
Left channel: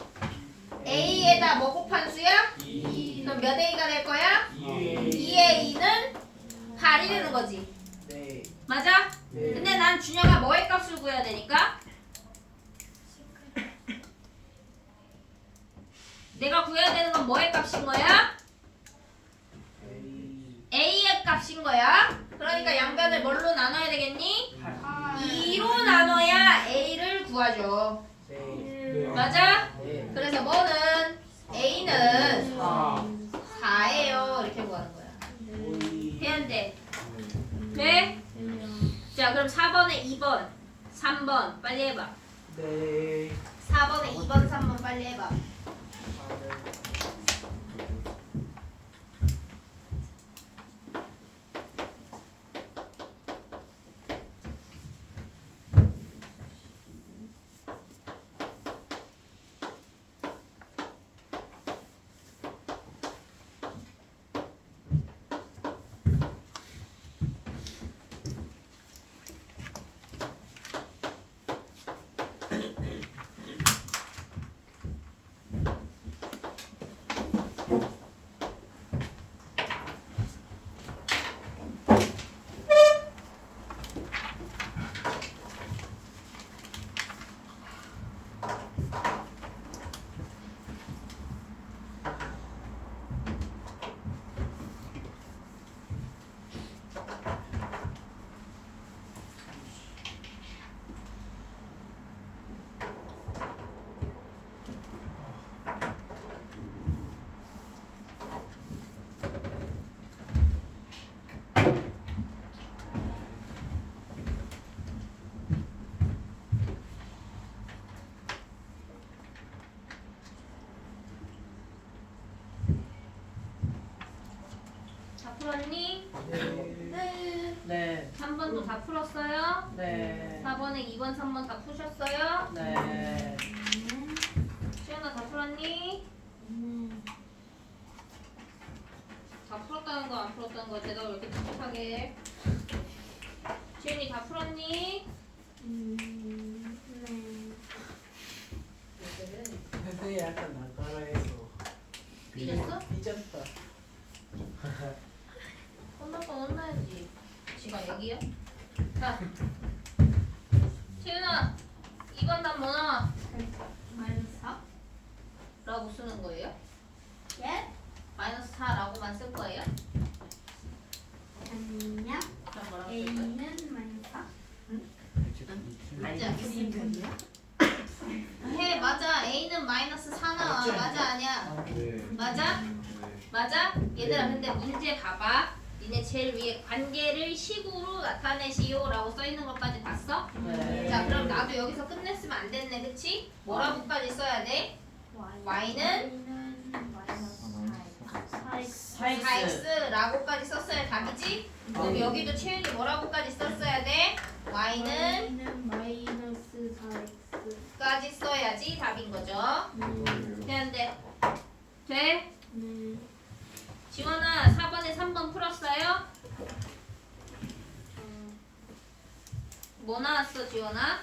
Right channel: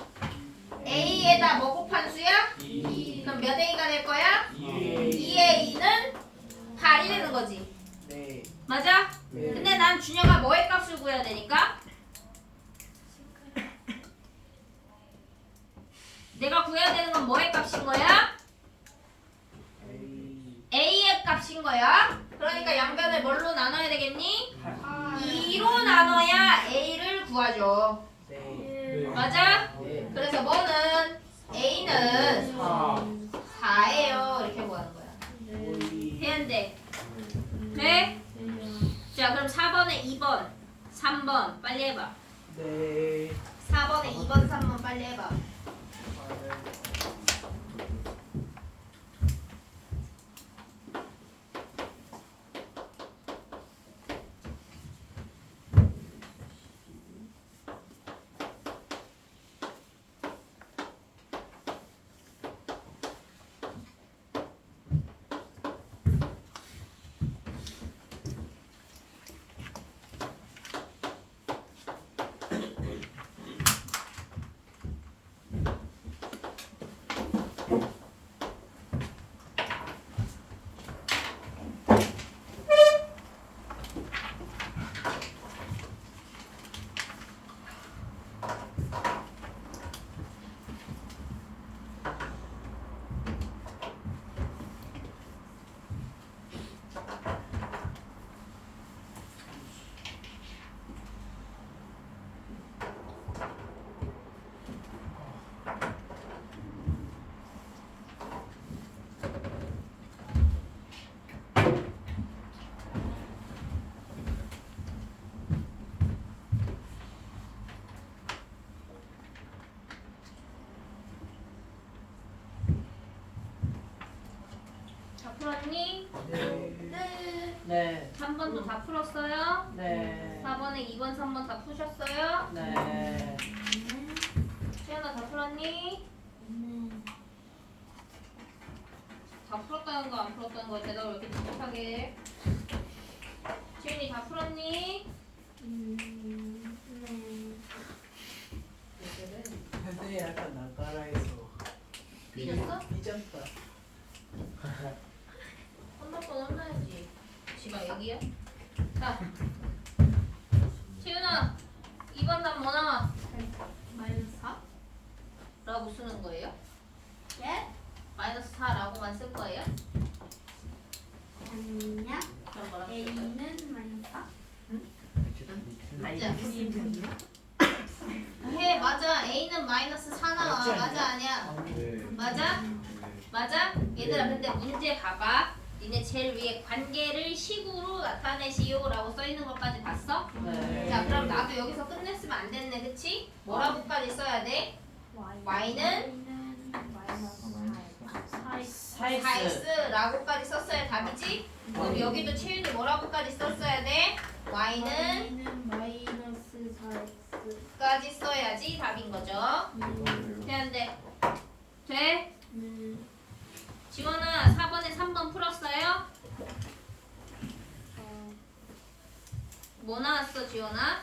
a에다 뭐 곱한 수야? 2. 그럼 몇 a가 될 거야? 2. 2a는 8이 되는 거지. 네. 맞아? 네. 근데 난 준혁아 뭐의 값을 구해야 되니까? 내가 구해야 되는 건 뭐의 값인 거야? a의 값인 거야. 그러니까 양변을 뭘로 나눠야 되겠니? 2로 나눠야 a를 구하죠. 네. 맞아? 네. 그래서 뭐는 a는 4. 4예요. 이렇게 구하는 거야. 돼 안 돼? 돼? 자 그럼 4번에 2번 3번 빨리 해봐. 네. 4번에 2번 3번 빨리 해봐. 다 풀었니? 네. 네. 3번도 다 풀었어요? 네. 4번에 2번 3번 다 푸셨어요? 네. 시연아 다 풀었니? 다 풀었다는 거 안 풀었다는 거 대답 왜 이렇게 똑똑하게? 지은이 다 풀었니? 선생님 약간 낯가라해서 삐졌어? 삐졌다. 혼날 건 혼나야지. 지가 여기야? 자, 지은아 2번 답 뭐 나와? 마이너스 4? 라고 쓰는 거예요? 예? 마이너스 4라고만 쓸 거예요? 아니냐? 그럼 뭐라고 쓸 거예요? A는 마이너스 4? 맞지 않겠어? 해 맞아. A는 마이너스 4 나와. 맞아 아니야? 네. 맞아? 네. 맞아? 얘들아 근데 문제 봐봐. 니네 제일 위에 관계를 식으로 나타내시오라고 써있는 것까지 봤어? 네. 자 그럼 나도 여기서 끝냈으면 안 됐네 그치? 뭐라고까지 써야 돼? y는 4x라고까지 썼어야 답이지? 그럼 여기도 채윤이 뭐라고까지 썼어야 돼? y는 마이너스 4x. 까지 써야지 답인 거죠. 되는데 돼? 지원아 4번에 3번 풀었어요? 뭐 나왔어 지원아?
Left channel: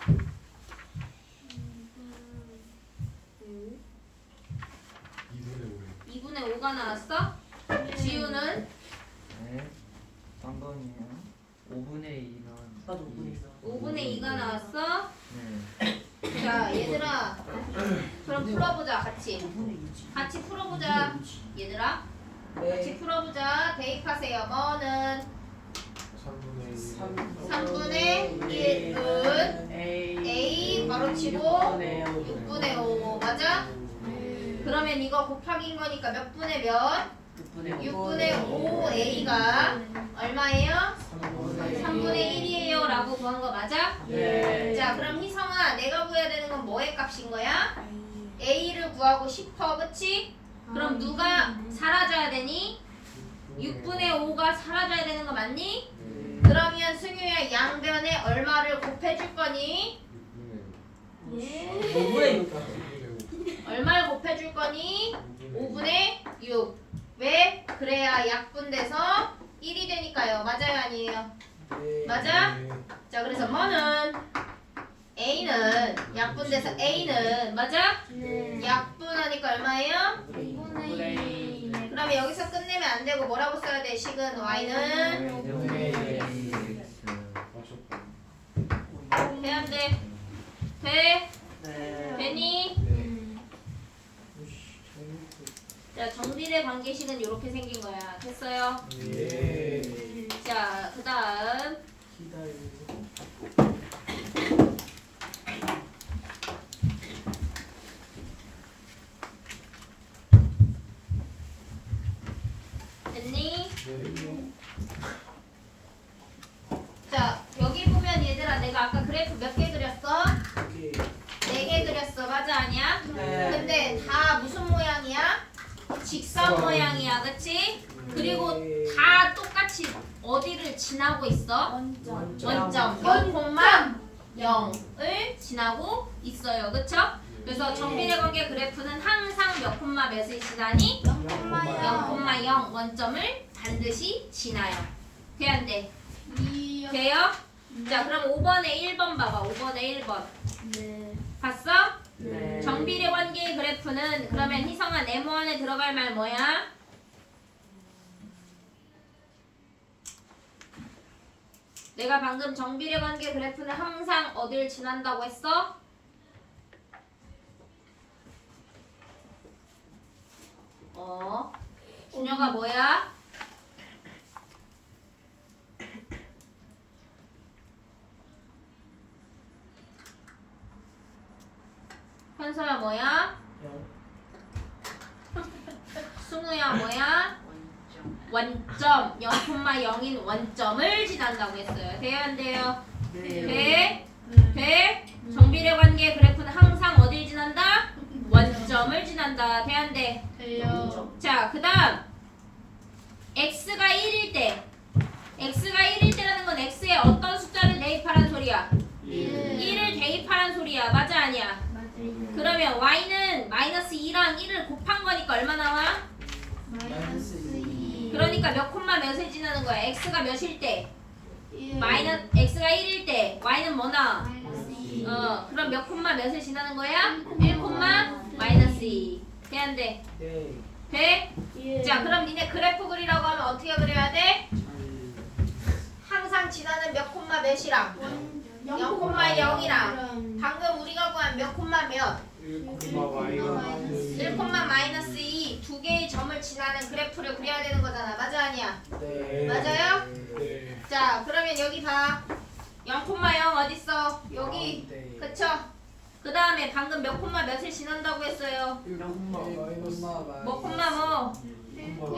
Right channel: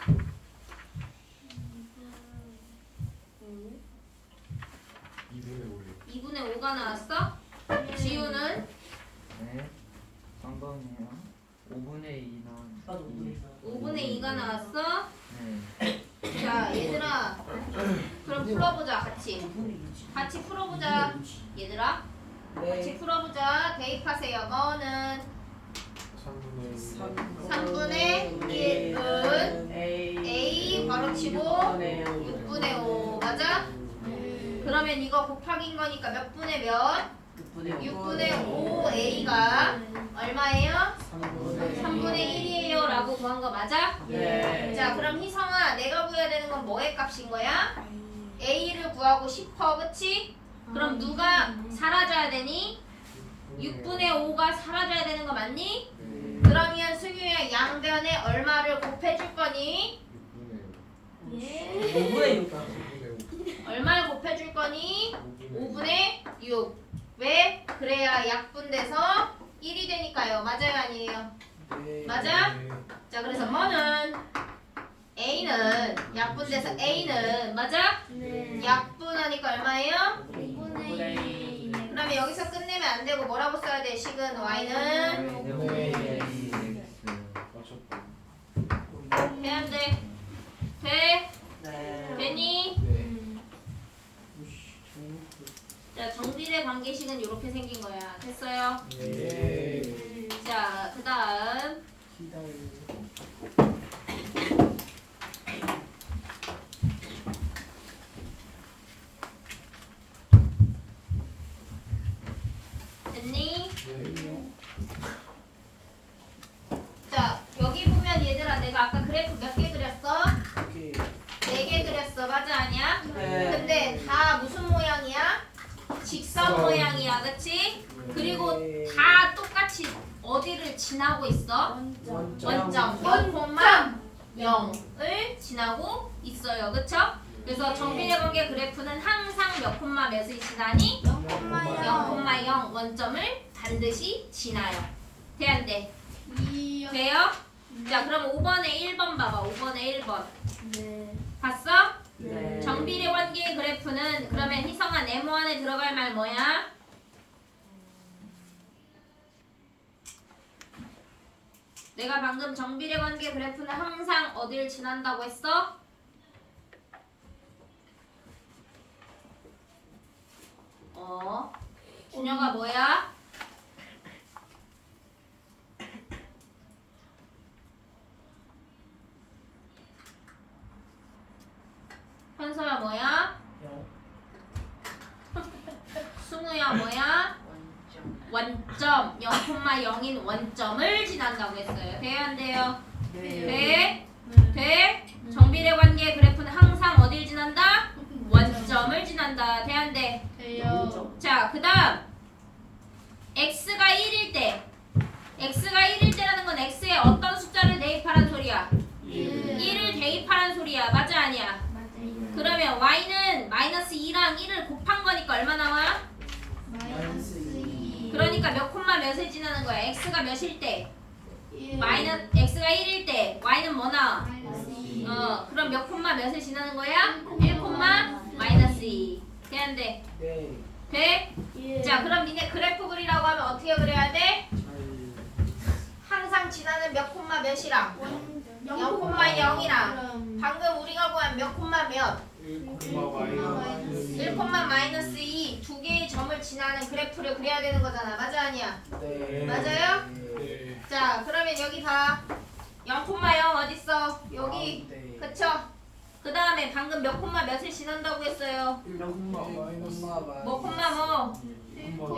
2분의 5가 나왔어? 지우는? 네. 3번이요. 5분의 2만. 나도 5분의 2가 나왔어? 네. 자 얘들아 그럼 풀어보자 같이 풀어보자 얘들아 같이 풀어보자 대입하세요 뭐는 3분의 1은 A 바로 치고 6분의 5 맞아? 그러면 이거 곱하기인 거니까 몇 분의 몇? 6분의 5A가 얼마예요? 3분의 1이에요 라고 구한 거 맞아? 네. 자 그럼 희성아 내가 구해야 되는 건 뭐의 값인 거야? A를 구하고 싶어 그치? 그럼 누가 사라져야 되니? 6분의 5가 사라져야 되는 거 맞니? 그러면 승유야 양변에 얼마를 곱해줄 거니? 얼마를 곱해줄 거니? 5분의 6 왜? 그래야 약분돼서 1이 되니까요 맞아요 아니에요? 맞아? 자 그래서 뭐는 A는 약분돼서 A는 맞아? 약분하니까 얼마예요? 5분의 2. 그러면 여기서 끝내면 안 되고 뭐라고 써야 돼? 식은 Y는 해야 돼? 돼? 되니? 자 정비례 관계식은 이렇게 생긴 거야 됐어요? 자 그 다음 됐니? 자 여기 보면 얘들아 내가 아까 그래프 몇 개 그렸어? 4개 그렸어 맞아 아니야? 네. 근데 다 무슨 모양이야? 직선 모양이야 그치? 그리고 다 똑같이 어디를 지나고 있어? 원점 0,0을 지나고 있어요 그쵸? 그래서 정비례 관계 그래프는 항상 몇 콤마 몇을 지나니? 0,0 원점을 반드시 지나요 돼 안 돼? 돼요? 자 그럼 5번에 1번 봐봐 5번에 1번 봤어? 정비례 관계 그래프는 그러면 희성아 네모 안에 들어갈 말 뭐야? 내가 방금 정비례 관계 그래프는 항상 어딜 지난다고 했어? 준혁아 뭐야? 현서야 뭐야? 승우야 뭐야? 원점 0,0인 원점을 지난다고 했어요. 돼요 안 돼요? 돼? 돼? 정비례 관계 그래프는 항상 어딜 지난다? 원점을 지난다. 돼 안 돼? 돼요. 자, 그 다음 x가 1일 때 x가 1일 때라는 건 x에 어떤 숫자를 대입하라는 소리야? 1을 대입하라는 소리야. 맞아 아니야? 그러면 y는 마이너스 2랑 1을 곱한 거니까 얼마 나와? 마이너스 2. 그러니까 몇 콤마 몇을 지나는 거야? x가 몇일 때? 마이너스 x가 1일 때 y는 뭐 나와? 마이너스 2. 그럼 몇 콤마 몇을 지나는 거야? 1 콤마 마이너스 2. 돼 안 돼? 돼? 자 그럼 니네 그래프 그리라고 하면 어떻게 그려야 돼? 항상 지나는 몇 콤마 몇이랑 0,0이랑 방금 우리가 구한 몇 콤마 몇? 1 콤마 마이너스 2 두 개의 점을 지나는 그래프를 그려야 되는 거잖아. 맞아 아니야? 맞아요? 자 그러면 여기 봐. 0,0 어딨어? 여기. 그쵸? 그 다음에 방금 몇 콤마 몇을 지난다고 했어요? 뭐 콤마 뭐?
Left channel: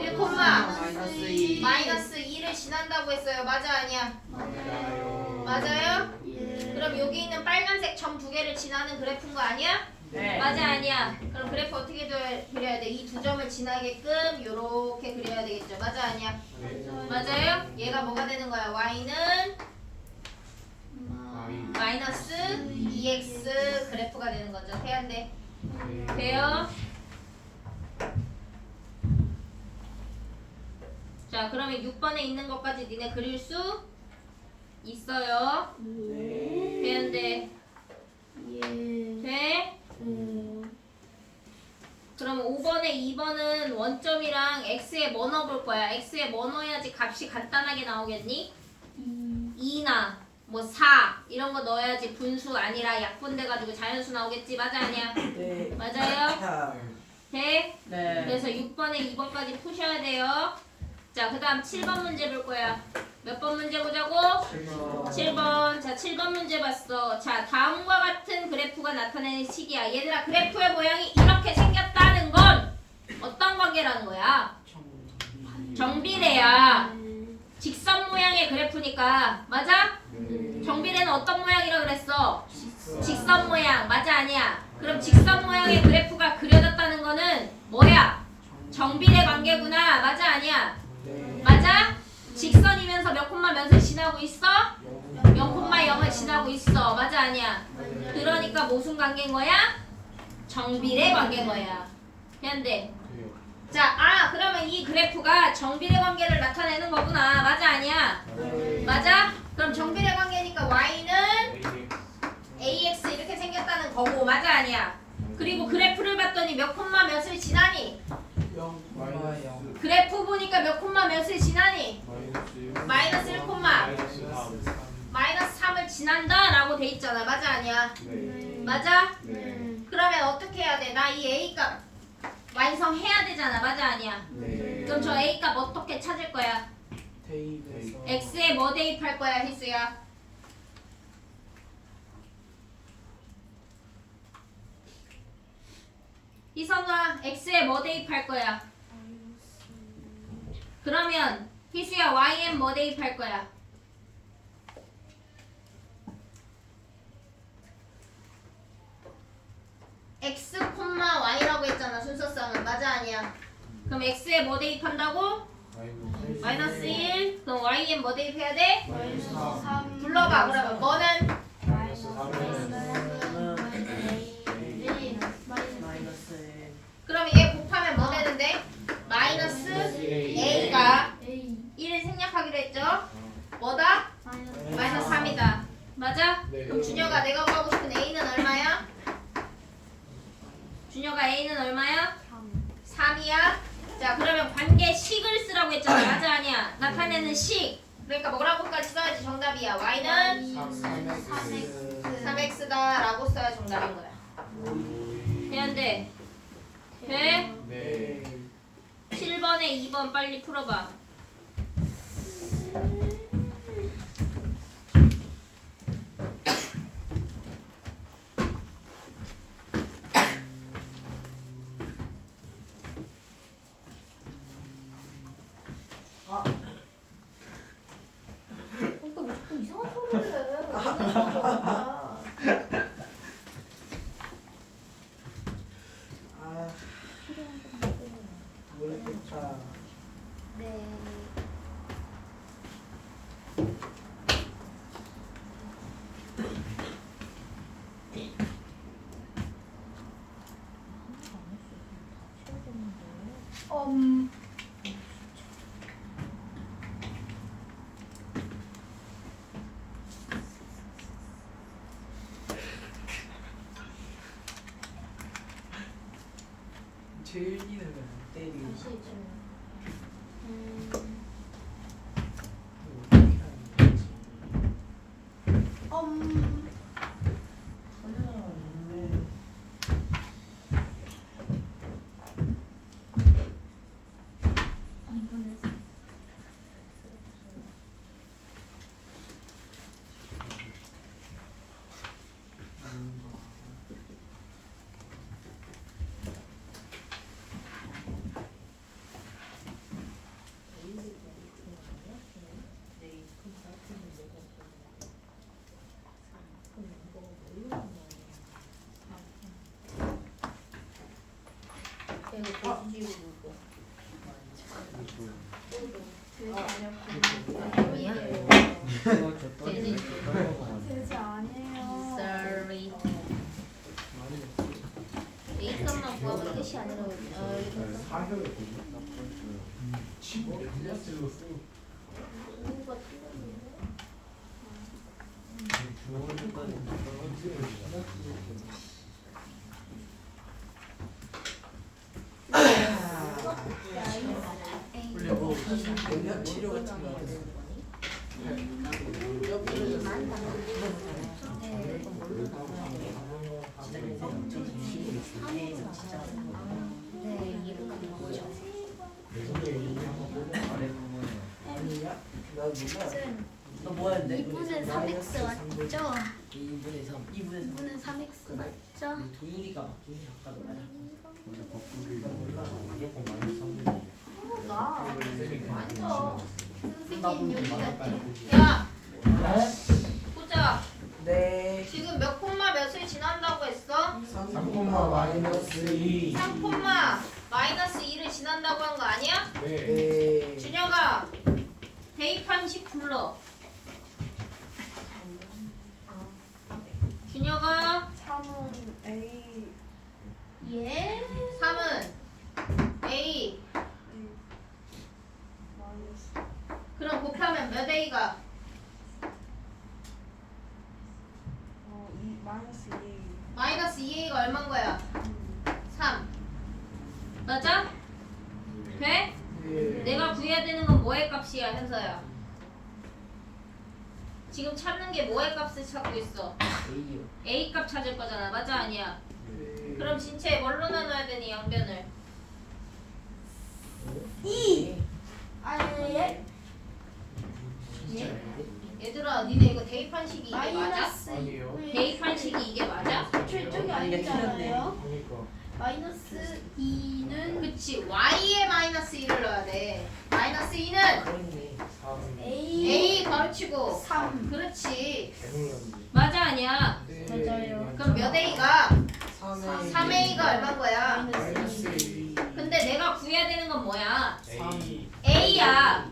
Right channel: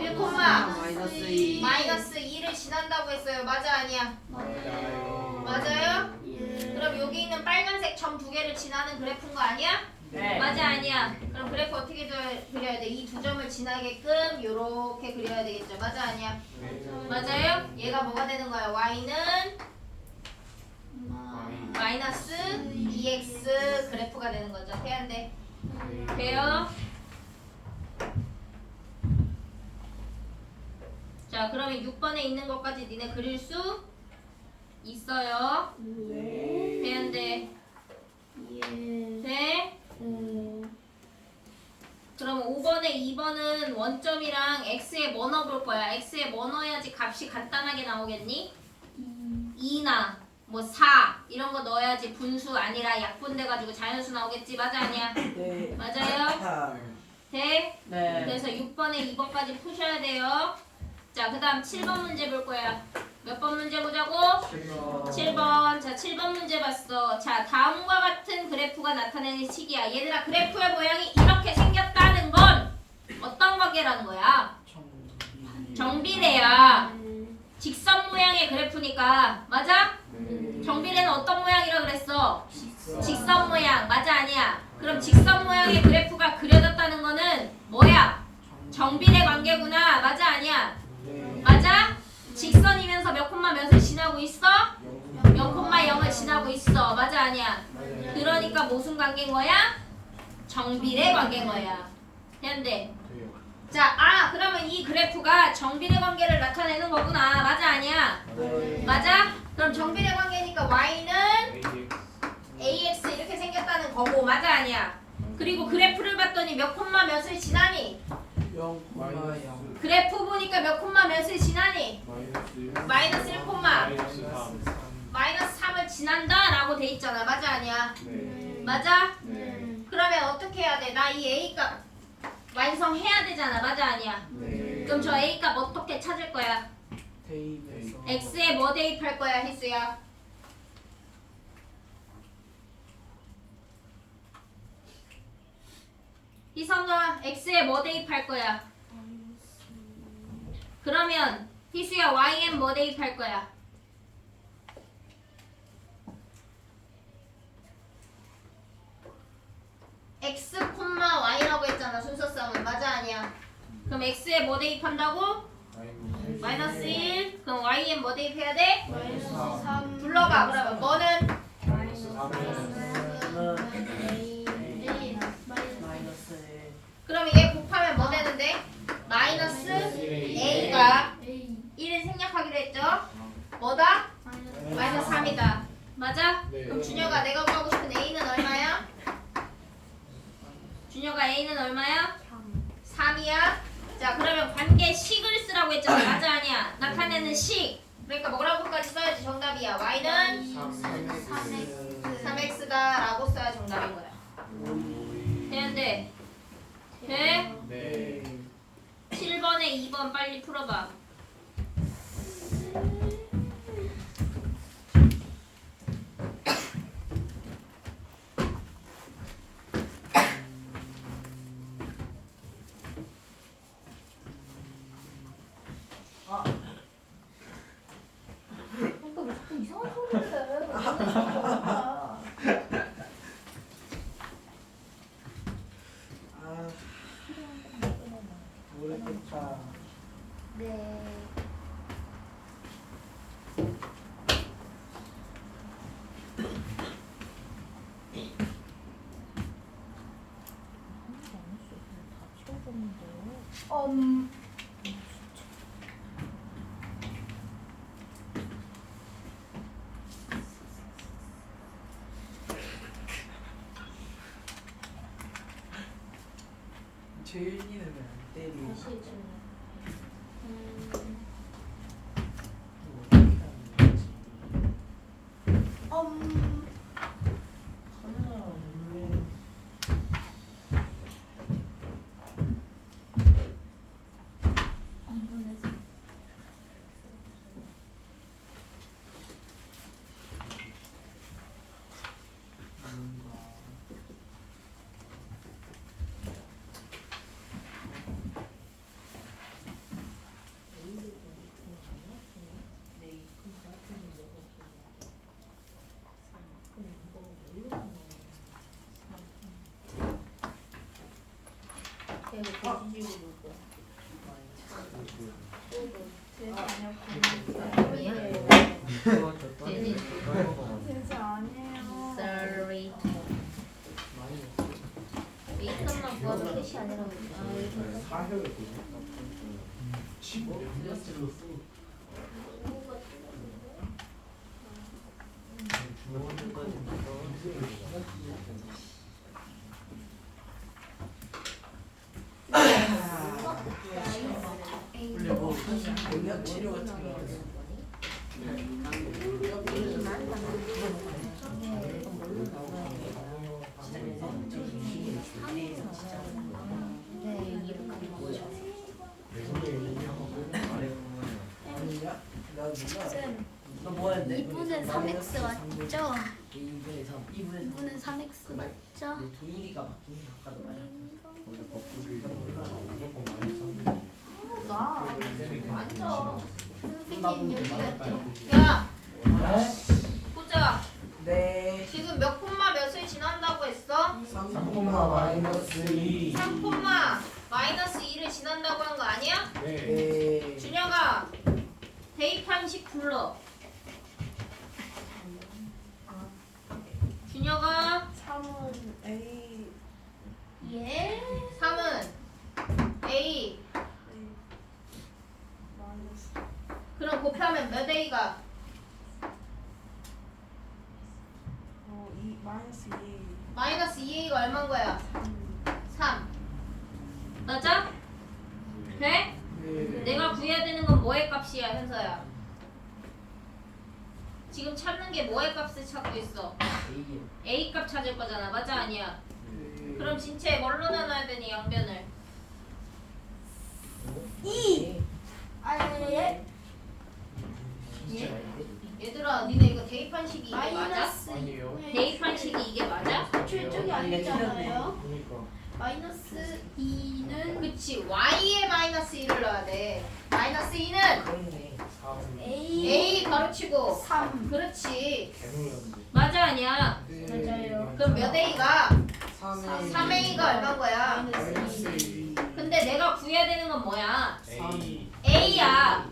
1 콤마 마이너스 2. 마이너스 2를 지난다고 했어요. 맞아 아니야? 맞아요? 그럼 여기 있는 빨간색 점 두 개를 지나는 그래프인 거 아니야? 네. 맞아 아니야? 그럼 그래프 어떻게 그려야 돼? 이 두 점을 지나게끔 요렇게 그려야 되겠죠? 맞아 아니야? 맞아요? 얘가 뭐가 되는 거야? y는 마이너스 2x 그래프가 되는 거죠. 돼야 안 돼? 돼요? 자 그러면 6번에 있는 것까지 니네 그릴 수 있어요. 돼야 안 돼? 돼? 그러면 5번에 2번은 원점이랑 x에 뭐 넣어볼 거야? x에 뭐 넣어야지 값이 간단하게 나오겠니? 2나 뭐 4 이런 거 넣어야지 분수 아니라 약분돼가지고 자연수 나오겠지. 맞아 아니야? 네. 맞아요? 돼? 네. 그래서 6번에 2번까지 푸셔야 돼요. 자 그 다음 7번 문제 볼 거야. 몇 번 문제 보자고? 7번. 자 7번 문제 봤어. 자 다음과 같은 그래프가 나타내는 식이야. 얘들아 그래프의 모양이 이렇게 생겼다는 건 어떤 관계라는 거야? 정비례야. 직선 모양의 그래프니까 맞아? 정비례는 어떤 모양이라 그랬어? 직선 모양. 맞아 아니야? 그럼 직선 모양의 그래프가 그려졌다는 거는 뭐야? 정비례 관계구나. 맞아 아니야? 맞아? 직선이면서 몇 콤마 몇을 지나고 있어? 0,0을 지나고 있어. 맞아 아니야? 그러니까 무슨 관계인 거야? 정비례 관계인 거야. 현대. 자, 그러면 이 그래프가 정비례 관계를 나타내는 거구나. 맞아 아니야? 맞아? 그럼 정비례 관계니까 y는 ax 이렇게 생겼다는 거고. 맞아 아니야? 그리고 그래프를 봤더니 몇 콤마 몇을 지나니? 0,0 그래프 보니까 몇 콤마 몇을 지나니? 마이너스 1 콤마 마이너스 3을 지난다 라고 돼 있잖아. 맞아 아니야? 맞아? 그러면 어떻게 해야 돼? 나 이 A값 완성해야 되잖아. 맞아 아니야? 그럼 저 A값 어떻게 찾을 거야? 대입해서 X에 뭐 대입할 거야 희수야? 희성아 X에 뭐 대입할 거야? 그러면 희수야 Y엔 뭐 대입할 거야? X, Y라고 했잖아. 순서성은. 맞아 아니야? 그럼 X에 뭐 대입한다고? 마이너스 1. 그럼 Y엔 뭐 대입해야 돼? 불러봐. 그러면 뭐는? 마이너스 1. 그러면 얘 곱하면 뭐 되는데? 마이너스 A가 1을 생략하기로 했죠? 뭐다? 마이너스 3이다. 맞아? 그럼 준혁아 내가 구하고 싶은 A는 얼마야? 준혁아 A는 얼마야? 3이야? 자 그러면 관계식을 쓰라고 했잖아. 맞아 아니야? 나타내는 식. 그러니까 뭐라고까지 써야지 정답이야. Y는 3X다 라고 써야 정답인 거야. 되는데 돼? 네. 7번에 2번 빨리 풀어봐. 이상한 소리를 모르겠다. 네. 재윤이는 왜안 때리고 다시 해주면. 이거 어떻게 하는 거지? 카메라 없네. 돼지. 세지 아니에요. Sorry. 이것만 구하면 끝이 아니라고. 원래 뭐 영양 치료 같은 거 있어. 아니야? 나 쌤, 너 뭐였는데? 2분의 3x 맞죠? 2분의 3. 2분의 2분의 3x 맞죠? 동일이가 아까 맞아. 선생님 여기 갔죠? 야, 보자. 네. 지금 몇 콤마 몇을 지난다고 했어? 3콤마 마이너스 2. 3 콤마 마이너스 2를 지난다고 하는 거 아니야? 네. 준혁아, 대입한식 불러. 준혁아, 3은 A. 예? 3은 A. 그럼 곱하면 몇 A가? 마이너스 2. 마이너스 2A가 얼마인 거야? 3. 맞아? 돼? 네. 내가 구해야 되는 건 뭐의 값이야, 현서야? 지금 찾는 게 뭐의 값을 찾고 있어? A 값 찾을 거잖아. 맞아, 아니야? 네. 그럼 진체 뭘로 나눠야 되니, 양변을? 2. 예? 얘들아, 니네 이거 대입한식이 이게 맞아? 마이너스 대입한식이 이게 맞아? 저쪽이 아니잖아요. 마이너스 2는 그치, Y에 마이너스 2를 넣어야 돼. 마이너스 2는 그렇네. A. A 가로치고 3. 그렇지. 맞아, 아니야? 네. 맞아요. 그럼 몇 A가? 3A. 3A가 얼마인 거야? 마이너스 2. 근데 내가 구해야 되는 건 뭐야? 3. A야.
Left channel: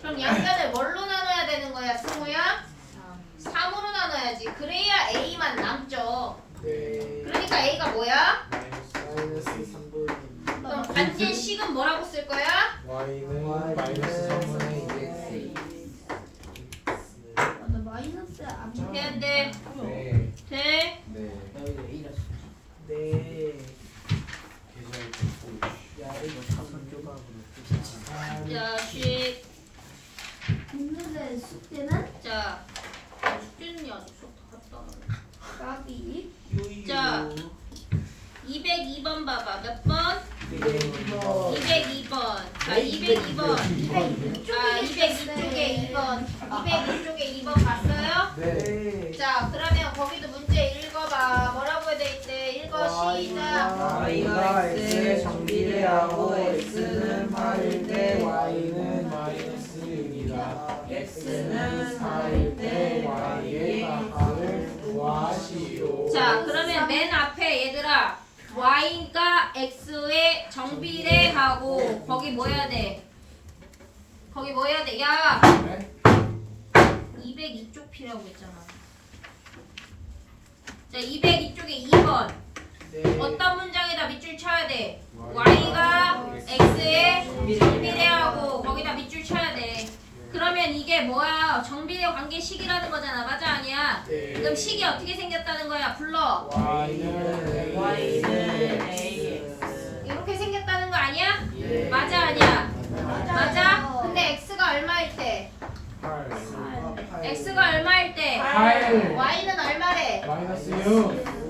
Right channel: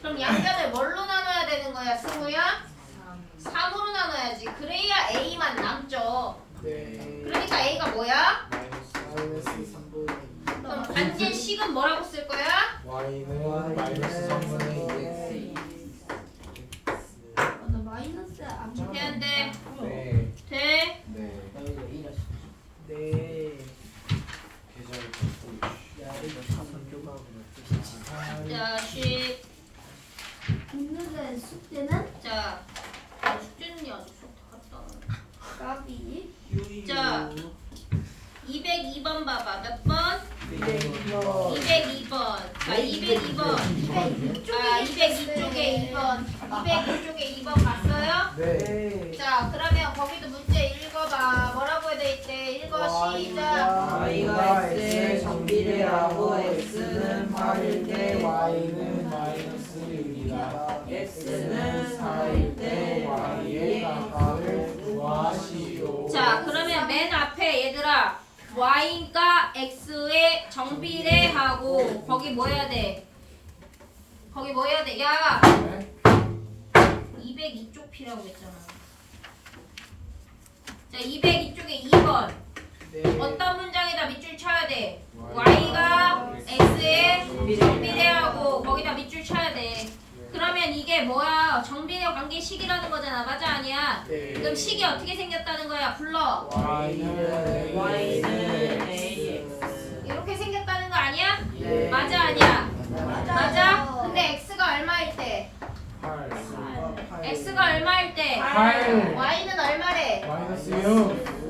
그럼 양변을 뭘로 나눠야 되는 거야, 승우야? 3으로 나눠야지. 그래야 A만 남죠. 네. 그러니까 A가 뭐야? 마이너스 3분의 그럼 반지식은 뭐라고 쓸 거야? Y는 마이너스 3분의 나 마이너스 안 해야 돼. 네. 돼? 네. 야, 이거 자, 쉿. 있는데 숙제는 자, 숙제는 아직 수업 다 갔다. 까비. 자. 202번 봐봐. 몇 번? 200번. 202번. 자, 202번. 202쪽에 2번. 202쪽에 2번 봤어요? 네. 자, 그러면 거기도 문제 읽어봐. 뭐라고 해야 돼 있대? 읽어, 시작. Y가 X에 정비례하고 X는 8일 때 Y는 마이너스 6이다. X는 4일 때 Y의 각각을 구하시오. 자, 그러면 맨 앞에 얘들아 Y가 X에 정비례하고 거기 뭐 해야 돼? 거기 뭐 해야 돼? 야! 202쪽 P라고 했잖아. 자, 202쪽에 2번. 네. 어떤 문장에다 밑줄 쳐야 돼? Y가 X에 정비례하고 거기다 밑줄 쳐야 돼. 그러면 이게 뭐야? 정비례 관계식이라는 거잖아. 맞아, 아니야? 네. 그럼 식이 어떻게 생겼다는 거야? 불러. Y는 AX. 이렇게 생겼다는 거 아니야? 네. 맞아, 아니야? 맞아요. 맞아? 근데 X가 얼마일 때? 8. X가 얼마일 때? 8. Y는 얼마래? 마이너스 6.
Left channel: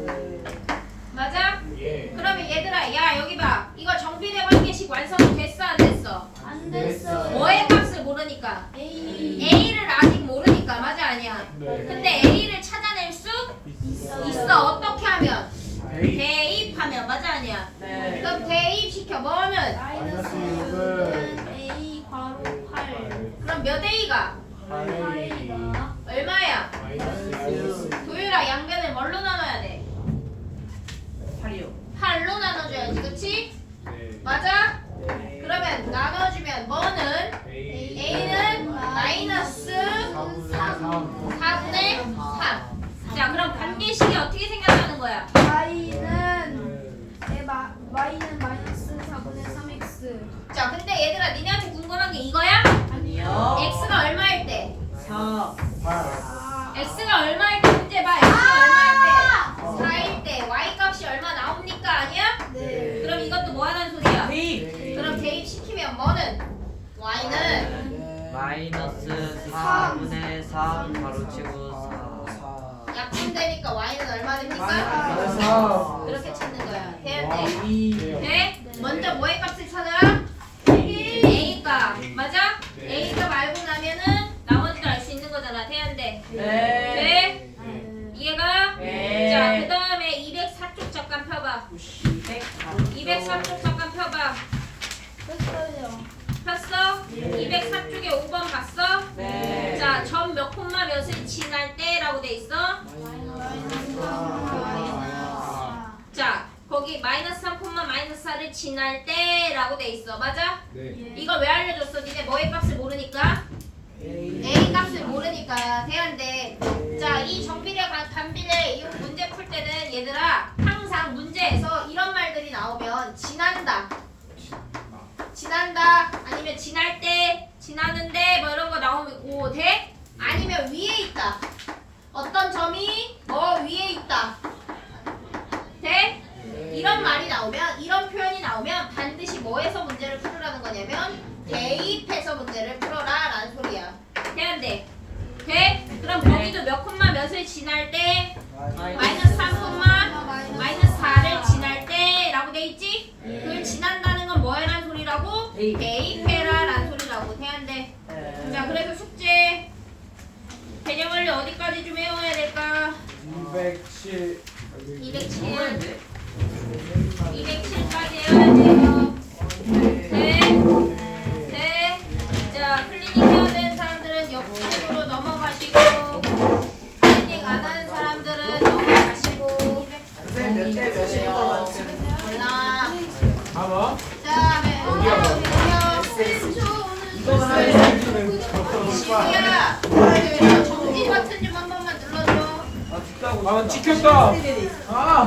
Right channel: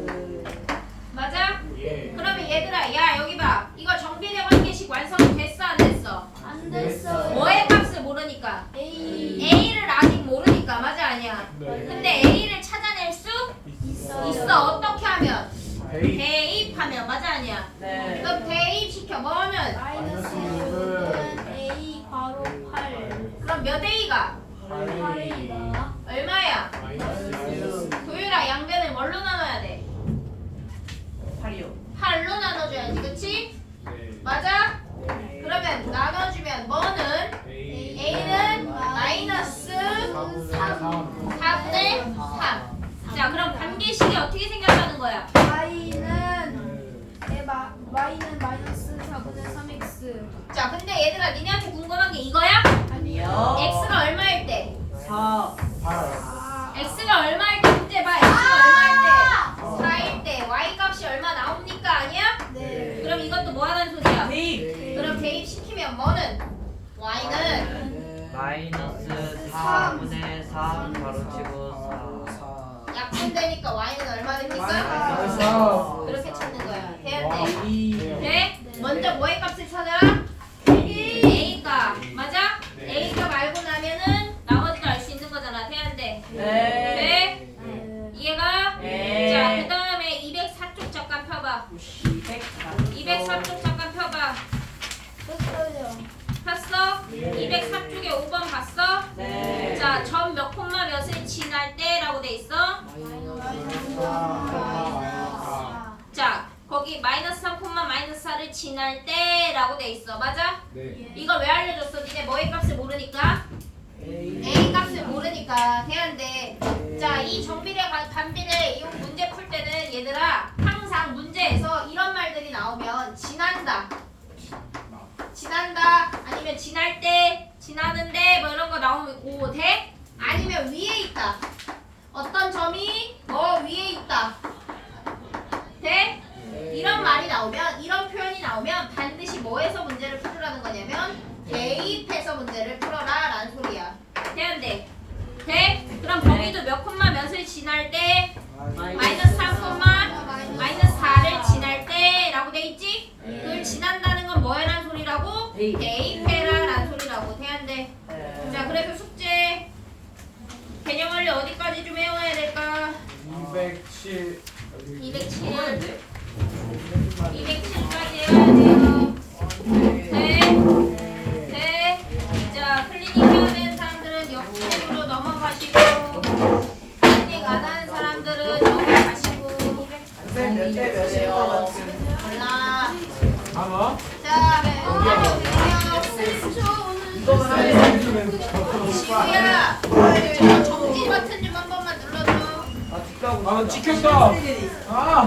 맞아? 예. 그러면 얘들아, 야 여기 봐. 이거 정비례 관계식 완성이 됐어, 안 됐어? 안 됐어요. 뭐의 값을 모르니까? A. A를 아직 모르니까. 맞아, 아니야? 네. 근데 A를 찾아낼 수 있어. 어떻게 하면? 대입. 대입하면. 맞아, 아니야? 네. 그럼 대입시켜. 뭐 하면? 마이너스 6은 A 괄호 8. 그럼 몇 A가? 8이다. 얼마야? 마이너스 도율아, 양변을 뭘로 나눠야 돼? 8이요. 8로 나눠줘야지, 그치? 맞아? 네. 그러면 나눠주면 뭐는? A는 마이너스 4분의 3. 자, 그럼 관계식이 어떻게 생각하는 거야? y는 y는 마이너스 4분의 3x. 자, 근데 얘들아, 니네한테 궁금한 게 이거야? 아니요. x가 얼마일 때? 4. x가 얼마일 때 문제 봐. x가 얼마일 때? 4일 때 y 값이 얼마 나옵니까? 아니야? 네. 그럼 이것도 뭐 하는 소리야? 대입. 그럼 대입시키면 뭐는? y는 네. 마이너스 4분의 3 가로치고 4. 약분되니까 y는 얼마 됩니까? 마이너스 그렇게 찾는 거야. 해야 돼. 2. 네? 먼저 뭐의 값을 찾아라? A 값. 맞아? A 값 알고 나면은 나머지도 알 수 있는 거잖아. 태연대. 네. 네? 네. 이해가? 네. 자, 그 다음에 204쪽 잠깐 펴봐. 204쪽 잠깐 펴봐. 떴어요. 폈어? 204쪽에 5번 봤어? 네. 자, 점 몇 콤마 몇을 지날 때라고 돼 있어? 자, 거기 마이너스 3 콤마 마이너스 4를 지날 때라고 돼 있어. 맞아? 이걸 왜 알려줬어? 니네 뭐의 값을 모르니까? A 값을 모르니까 돼야돼. 자, 이 정비례 반비례 이 문제 풀 때는 얘들아 항상 문제에서 이런 말들이 나오면 지난다, 지난다, 아니면 지날 때, 지나는데 뭐 이런 거 나오고 돼? 아니면 위에 있다. 어떤 점이 위에 있다. 돼? 이런 말이 나오면, 이런 표현이 나오면 반드시 뭐에서 문제를 풀으라는 거냐면 대입해서 문제를 풀어라 라는 소리야. 돼안돼? 돼? 그럼 거기도 몇 콤마 몇을 지날 때 마이너스 3 콤마 마이너스 4를 지날 때 라고 돼 있지? 그걸 지난다는 건 뭐라는 소리라고? 대입해라 라는 소리라고. 돼안돼? 자, 그래서 숙제 개념 원리 어디까지 좀 외워야 될까? 207. 207 207까지 외워야 돼요. 돼? 돼? 자, 클리닉 해야 되는 사람들은 역식으로 넘어가시고, 클리닉 안 하는 사람들은 넘어가시고. 몇대몇이에요? 몰라. 아마? 자, 시우야, 정지 버튼 좀 한 번만 눌러줘. 아 찍혔다. 아.